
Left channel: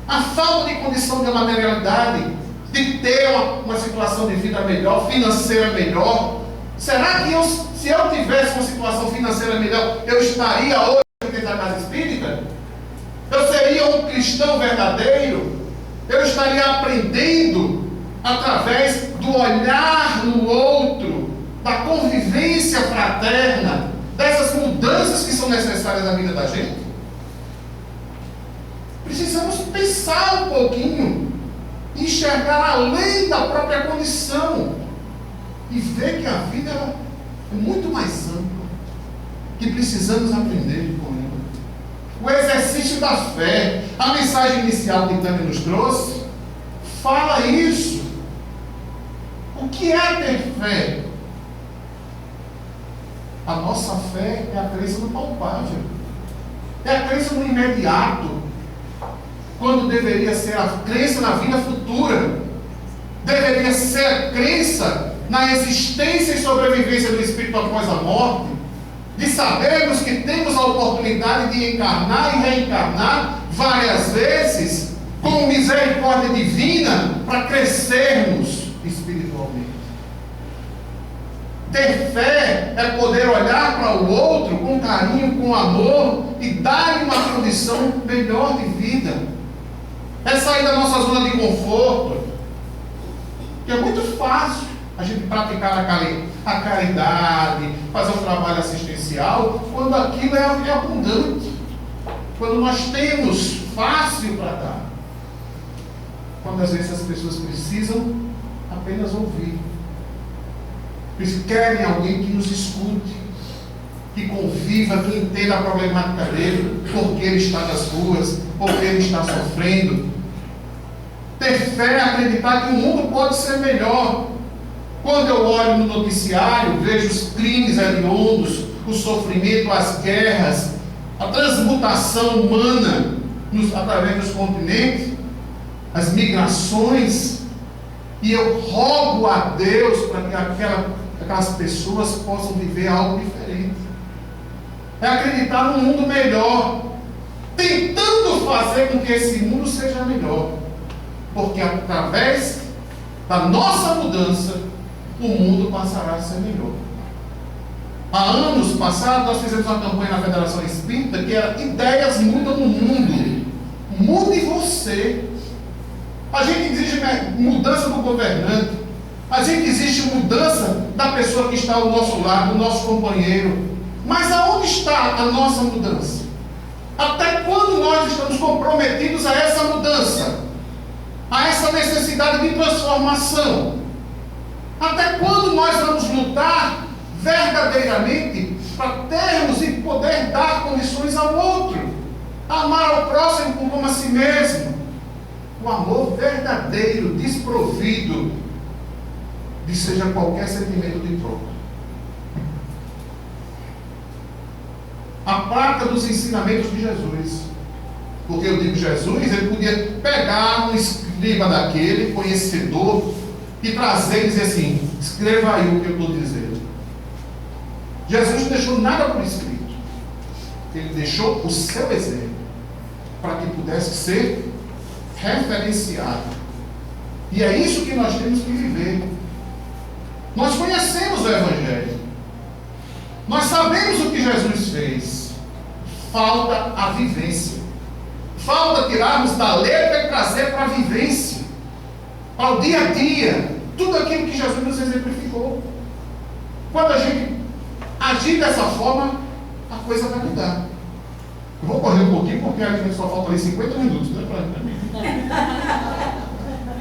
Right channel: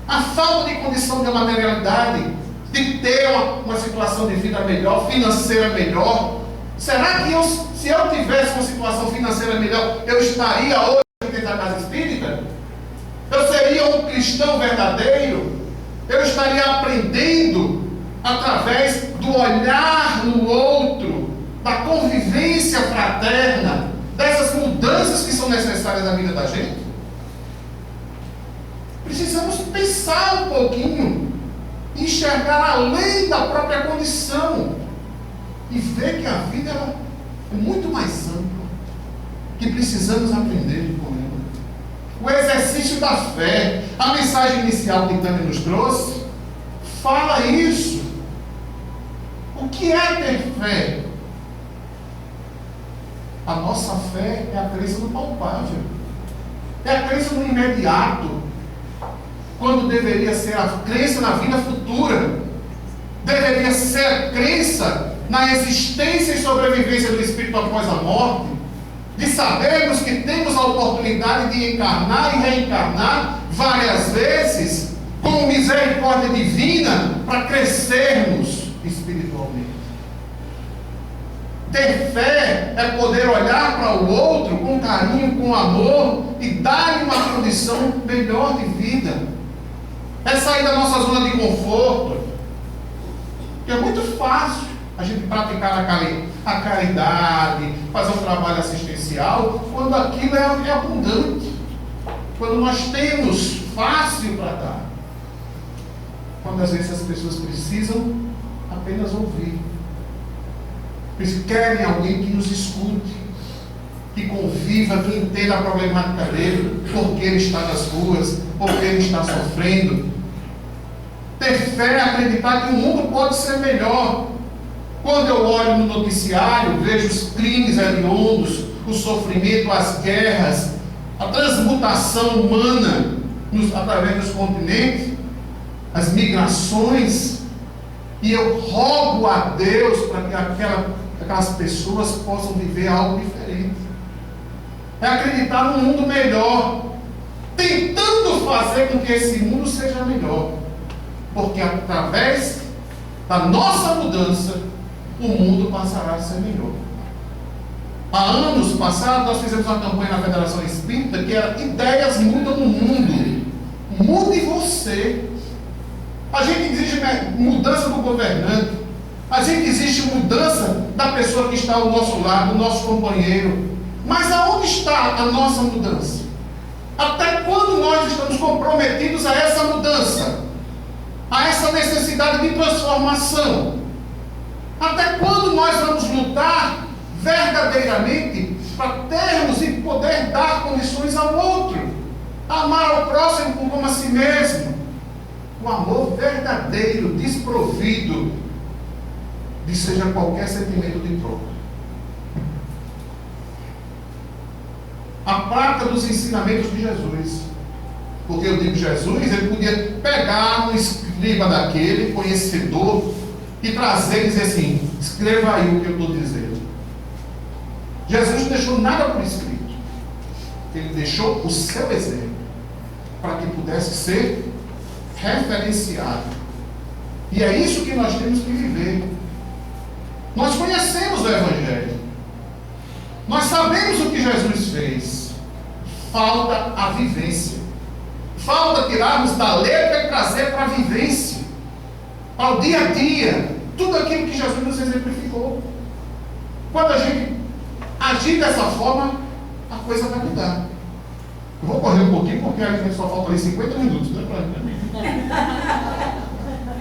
A falta de condição de materialidade, de ter uma situação de vida melhor, financeira melhor. Será que se eu tivesse uma situação financeira melhor, eu estaria hoje dentro da casa espírita? Eu seria um cristão verdadeiro? Eu estaria aprendendo através do olhar no outro, da convivência fraterna, dessas mudanças que são necessárias na vida da gente? Precisamos pensar um pouquinho, enxergar além da própria condição e ver que a vida é muito mais ampla, que precisamos aprender com ela. O exercício da fé, a mensagem inicial que Tânia nos trouxe, fala isso. O que é ter fé? A nossa fé é a crença no palpável, é a crença no imediato, quando deveria ser a crença na vida futura, deveria ser a crença na existência e sobrevivência do Espírito após a morte, de sabermos que temos a oportunidade de encarnar e reencarnar várias vezes, com misericórdia divina, para crescermos espiritualmente. Ter fé é poder olhar para o outro com carinho, com amor e dar-lhe uma condição melhor de vida. É sair da nossa zona de conforto, que é muito fácil a gente praticar a caridade, fazer um trabalho assistencial, quando aquilo é abundante, quando nós temos fácil para dar, quando às vezes as pessoas precisam apenas ouvir. Eles querem alguém que nos escute, que conviva, que entenda a problemática dele, porque ele está nas ruas, porque ele está sofrendo. Ter fé é acreditar que o mundo pode ser melhor. Quando eu olho no noticiário, vejo os crimes hediondos, o sofrimento, as guerras, a transmutação humana através dos continentes, as migrações, e eu rogo a Deus para que aquelas pessoas possam viver algo diferente. É acreditar num mundo melhor, tentando fazer com que esse mundo seja melhor, porque através da nossa mudança, o mundo passará a ser melhor. Há anos passados, nós fizemos uma campanha na Federação Espírita que era Ideias Mudam o Mundo. Mude você. A gente exige mudança do governante, a gente exige mudança da pessoa que está ao nosso lado, do nosso companheiro. Mas aonde está a nossa mudança? Até quando nós estamos comprometidos a essa mudança? A essa necessidade de transformação? Até quando nós vamos lutar verdadeiramente para termos e poder dar condições ao outro? Amar ao próximo como a si mesmo. O amor verdadeiro, desprovido de seja qualquer sentimento de troca. A prática dos ensinamentos de Jesus. Porque eu digo Jesus, ele podia pegar um escriba daquele, conhecedor, e trazer e dizer assim: escreva aí o que eu estou dizendo. Jesus não deixou nada por escrito. Ele deixou o seu exemplo, para que pudesse ser referenciado. E é isso que nós temos que viver. Nós conhecemos o Evangelho. Nós sabemos o que Jesus fez. Falta a vivência. Falta tirarmos da letra e trazer para a vivência, para o dia a dia, tudo aquilo que Jesus nos exemplificou. Quando a gente agir dessa forma, a coisa vai mudar. Eu vou correr um pouquinho, porque a gente só falta ali 50 minutos, né, para mim.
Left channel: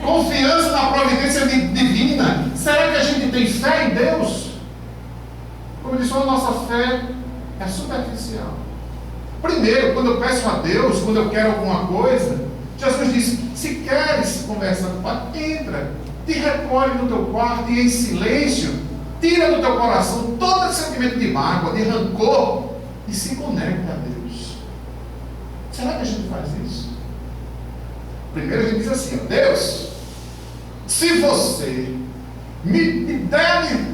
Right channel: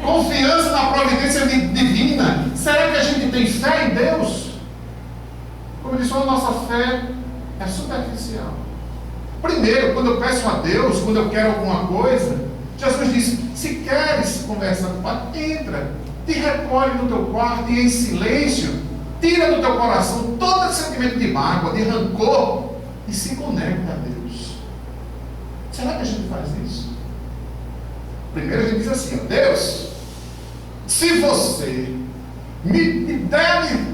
Confiança na providência divina. Será que a gente tem fé em Deus? Como eu disse, a nossa fé é superficial. Primeiro, quando eu peço a Deus, quando eu quero alguma coisa, Jesus disse: se queres conversar com o Pai, entra, te recolhe no teu quarto e em silêncio, tira do teu coração todo esse sentimento de mágoa, de rancor, e se conecta a Deus. Será que a gente faz isso? Primeiro a gente diz assim, ó, Deus, se você me der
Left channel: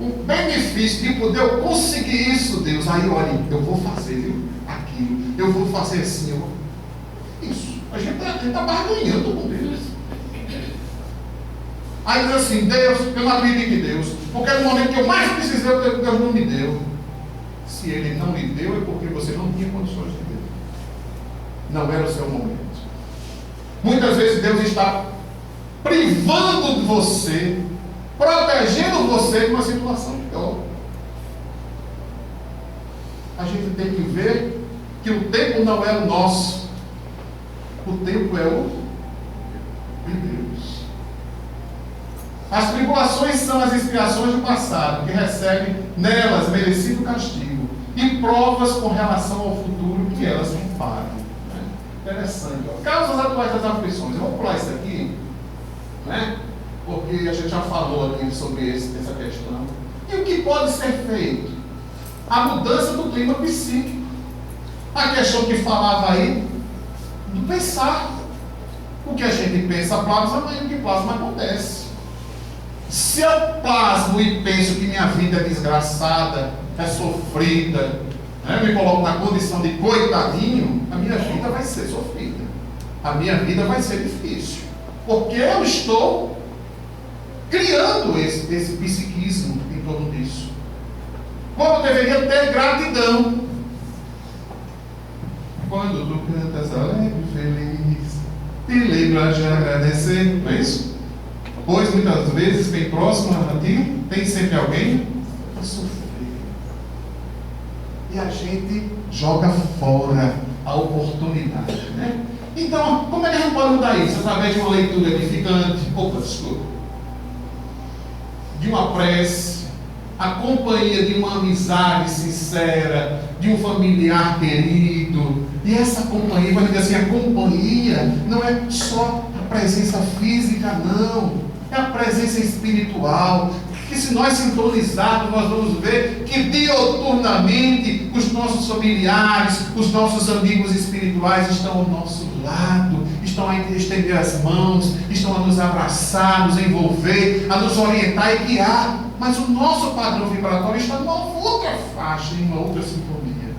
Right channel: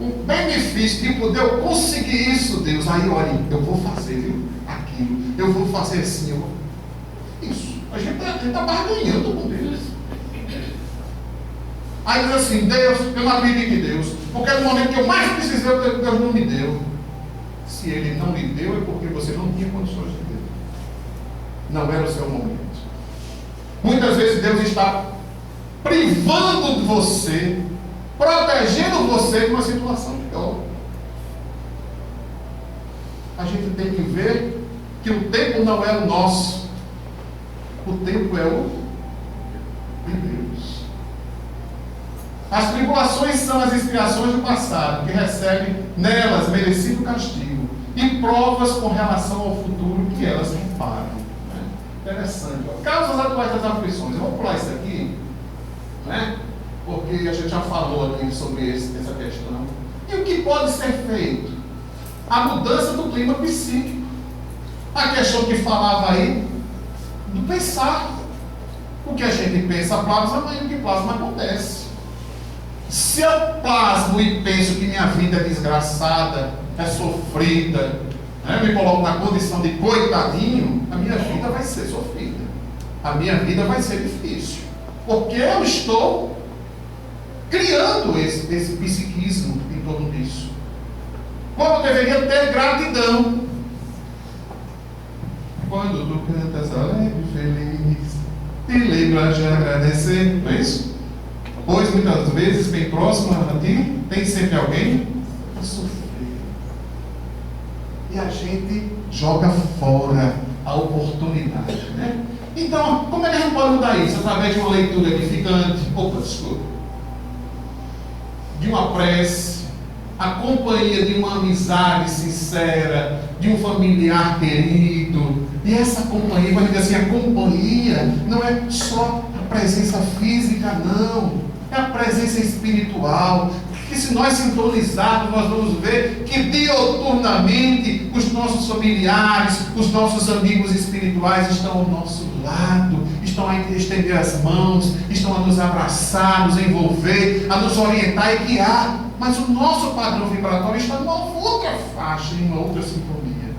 um benefício de poder eu conseguir isso, Deus, aí olha, eu vou fazer, viu? Aquilo, eu vou fazer assim, isso. A gente está barganhando com Deus. Aí diz assim, Deus, eu não acredito em Deus, porque no momento que eu mais precisei, Deus não me deu. Se Ele não lhe deu, é porque você não tinha condições de ter. Não era o seu momento. Muitas vezes Deus está privando de você, protegendo você de uma situação pior. A gente tem que ver que o tempo não é o nosso, o tempo é o de Deus. As tribulações são as expiações do passado, que recebem nelas merecido castigo, e provas com relação ao futuro que elas reparam. Interessante. Ó. Causas atuais das aflições. Eu vou pular isso aqui, né? Porque a gente já falou aqui sobre essa questão. E o que pode ser feito? A mudança do clima psíquico. A questão que falava aí do pensar. O que a gente pensa plasma, mas o que plasma acontece. Se eu plasmo e penso que minha vida é desgraçada, é sofrida, né? Eu me coloco na condição de coitadinho, a minha vida vai ser sofrida. A minha vida vai ser difícil. Porque eu estou criando esse psiquismo em torno disso. Quando eu deveria ter gratidão. Quando tu cantas alegre e feliz, te lembra de agradecer, não é isso? Pois muitas vezes, bem próximo a ti, tem sempre alguém a sofrer. E a gente joga fora a oportunidade, né? Então, como é que a gente pode mudar isso? Através de uma leitura edificante, de uma prece, a companhia de uma amizade sincera, de um familiar querido. E essa companhia, vai dizer assim, a companhia não é só a presença física, não. É a presença espiritual. Que se nós sintonizarmos, nós vamos ver que dioturnamente os nossos familiares, os nossos amigos espirituais estão ao nosso lado, estão a estender as mãos, estão a nos abraçar, nos envolver, a nos orientar e guiar. Mas o nosso padrão vibratório está numa outra faixa, em uma outra sintonia.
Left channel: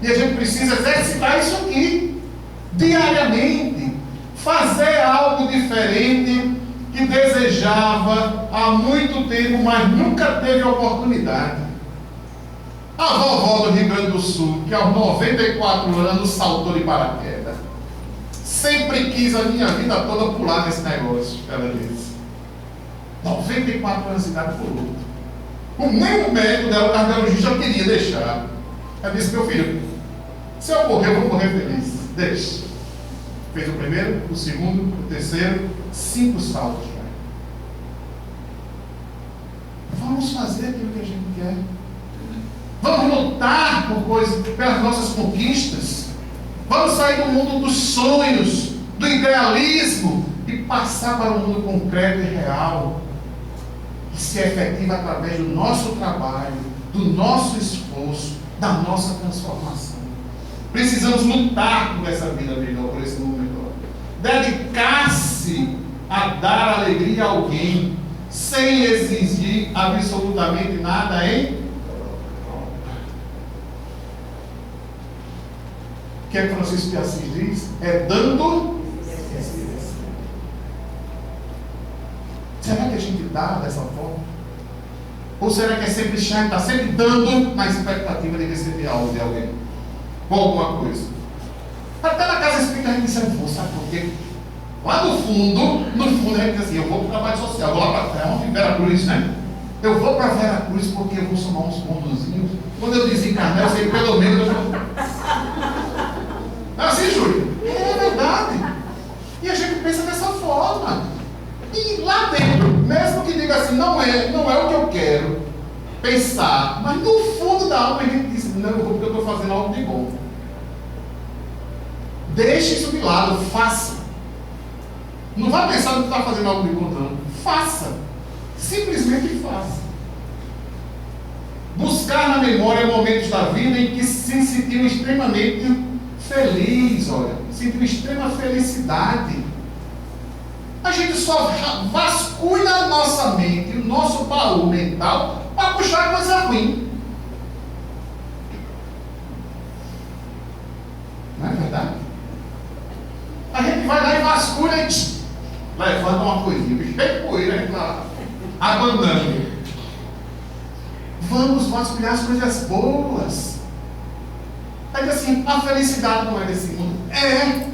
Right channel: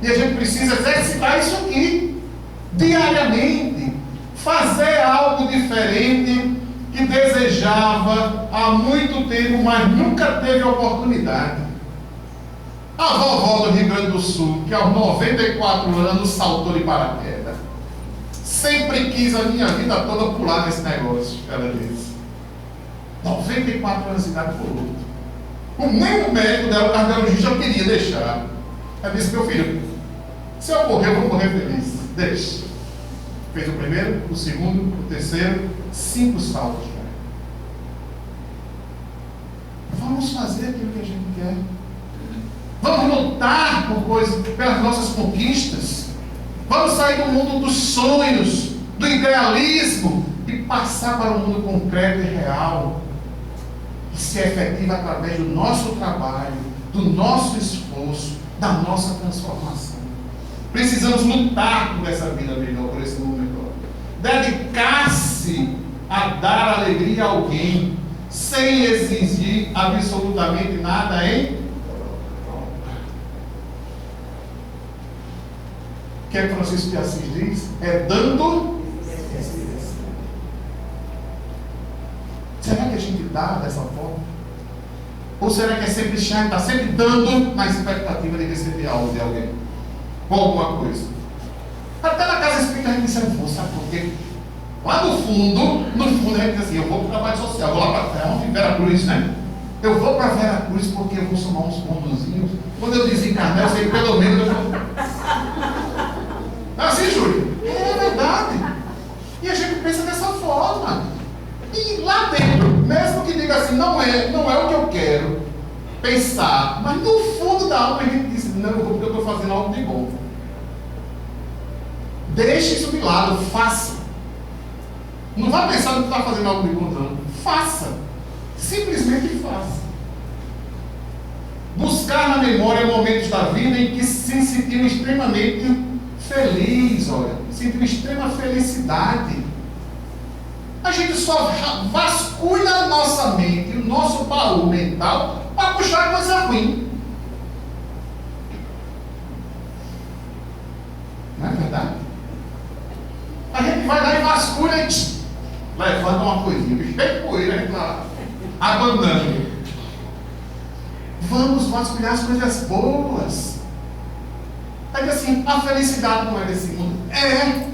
E a gente precisa exercitar isso aqui, diariamente, fazer algo diferente que desejava há muito tempo, mas nunca teve oportunidade. A vovó do Rio Grande do Sul, que aos 94 anos saltou de paraquedas, sempre quis a minha vida toda pular nesse negócio, ela disse. 94 anos de idade pulou. Nem o médico dela, o cardiologista, eu queria deixar. Ela disse, meu filho, se eu morrer, eu vou morrer feliz. Deixa. Fez o primeiro, o segundo, o terceiro, 5 saltos. Vamos fazer aquilo que a gente quer. Vamos lutar por coisas, pelas nossas conquistas. Vamos sair do mundo dos sonhos, do idealismo e passar para o mundo concreto e real. Que se efetiva através do nosso trabalho, do nosso esforço, da nossa transformação. Precisamos lutar por essa vida melhor, por esse mundo melhor. Dedicar-se a dar alegria a alguém, sem exigir absolutamente nada em troca. O que é que Francisco de Assis diz? É dando. Será que a gente dá dessa forma? Ou será que é sempre chato, está sempre dando na expectativa de receber algo de alguém? Ou alguma coisa? Até na casa espírita a gente diz, eu vou, sabe por quê? Lá no fundo a gente diz assim, eu vou para o trabalho social, vou lá para Vera Cruz, né? Eu vou para Vera Cruz porque eu vou somar uns pontozinhos. Quando eu desencarnar, eu sei pelo menos eu vou. É assim, Júlio? É verdade. E a gente pensa dessa forma. E lá dentro, mesmo que diga assim, não é o que eu quero pensar, mas no fundo da alma a gente diz, não, eu vou porque eu estou fazendo algo de bom. Deixe isso de lado, faça. Não vá pensar que está fazendo algo de bom, não. Faça. Simplesmente faça. Buscar na memória momentos da vida em que se sentiu extremamente feliz, olha. sinto uma extrema felicidade. A gente só vasculha a nossa mente, o nosso baú mental, para puxar coisa ruim. Não é verdade? A gente vai lá e vasculha e levanta uma coisinha, cheio de poeira, a gente lá, abandonando. Vamos vasculhar as coisas boas. Aí diz assim, a felicidade não é desse mundo. É.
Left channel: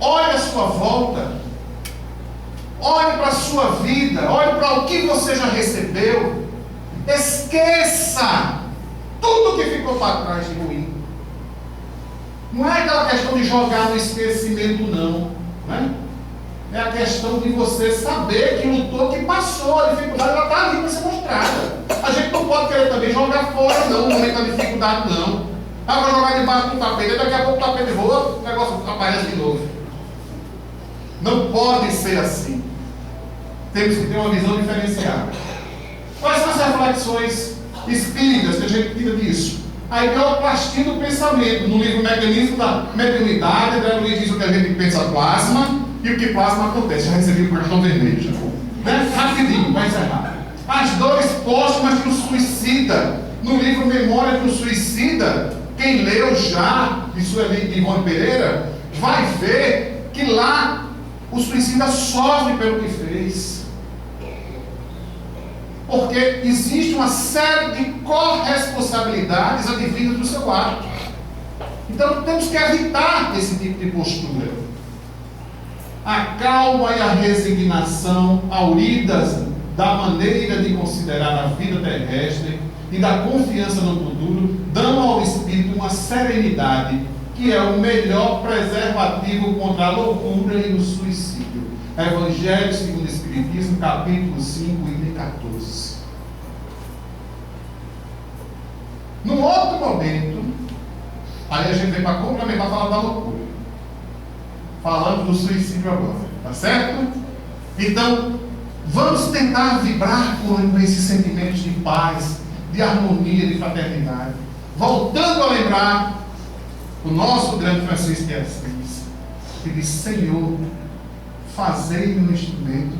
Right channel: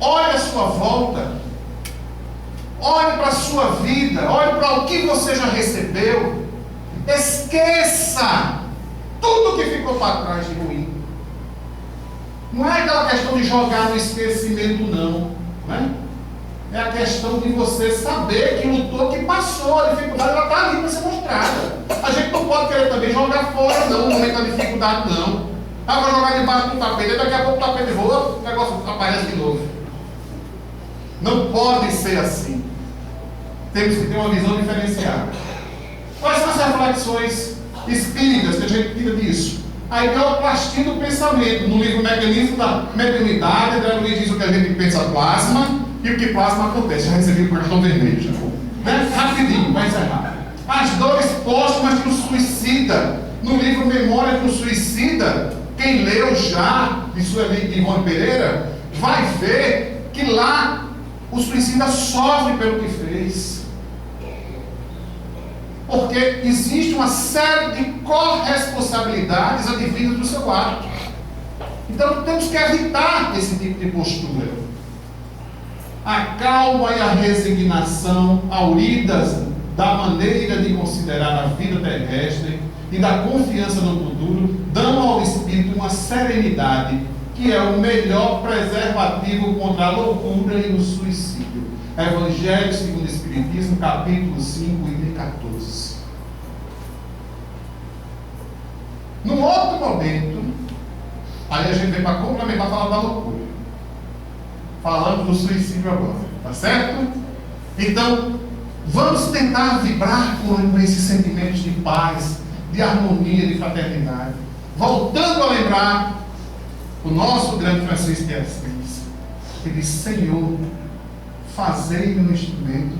Olhe a sua volta. Olhe para a sua vida. Olhe para o que você já recebeu. Esqueça tudo que ficou para trás de ruim. Não é aquela questão de jogar no esquecimento, não. Né? É a questão de você saber que lutou, que passou. A dificuldade ela está ali para ser mostrada. A gente não pode querer também jogar fora, não, no momento da dificuldade, não. Ah, vou jogar debaixo do tapete, daqui a pouco o tapete voa, o negócio aparece de novo. Não pode ser assim. Temos que ter uma visão diferenciada. Quais são as reflexões espíritas que a gente tira disso? A ideoplastia do pensamento. No livro Mecanismo da Mediunidade, André Luiz diz o que a gente pensa plasma e o que plasma acontece. Já recebi o cartão vermelho. Já. Né? Rapidinho, vai encerrar. As dores póstumas de um suicida. No livro Memória de um Suicida, quem leu já, de sua amiga Ivone Pereira, vai ver que lá o suicida sofre pelo que fez. Porque existe uma série de corresponsabilidades advindas do seu ato. Então temos que evitar esse tipo de postura. A calma e a resignação, auridas da maneira de considerar a vida terrestre e da confiança no futuro, dão ao espírito uma serenidade que é o melhor preservativo contra a loucura e o suicídio. Evangelho segundo o Espiritismo, capítulo 5, item 14. Num outro momento, aí a gente vem para complementar, falar da loucura. Falando do suicídio agora, tá certo? Então, vamos tentar vibrar com esses sentimentos de paz, de harmonia, de fraternidade. Voltando a lembrar o nosso grande Francisco de Assis, que diz: Senhor, fazei-me um instrumento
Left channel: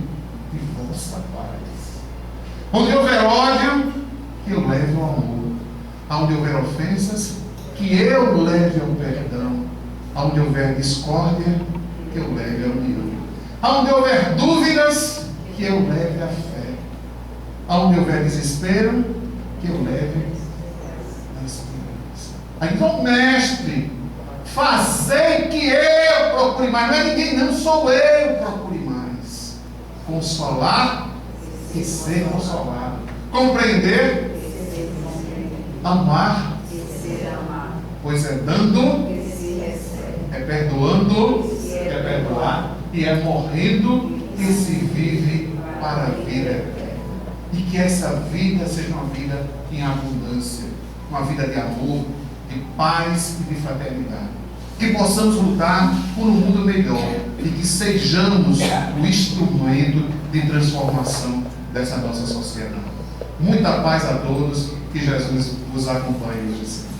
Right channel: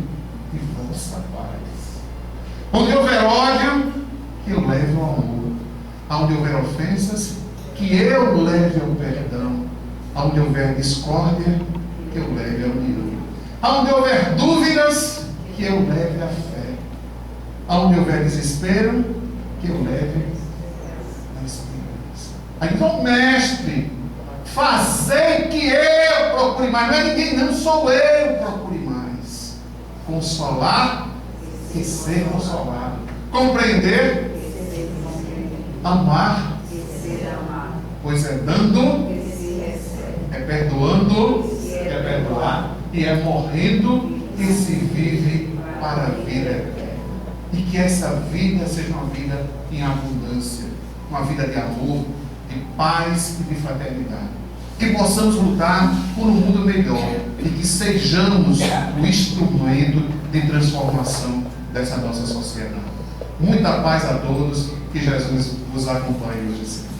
de vossa paz. Onde houver ódio, que eu leve ao amor. Onde houver ofensas, que eu leve ao perdão. Onde houver discórdia, que eu leve à união. Onde houver dúvidas, que eu leve à fé. Onde houver desespero, que eu leve à esperança. Aí diz: ó mestre, fazei que eu procure mais. Não é ninguém, não, sou eu que procure mais. Consolar e ser consolado. Compreender, amar, pois é dando, é perdoando, é perdoar, e é morrendo que se vive para a vida eterna. E que essa vida seja uma vida em abundância, uma vida de amor, de paz e de fraternidade. Que possamos lutar por um mundo melhor e que sejamos o instrumento de transformação dessa nossa sociedade. Muita paz a todos, que Jesus vos acompanhe hoje.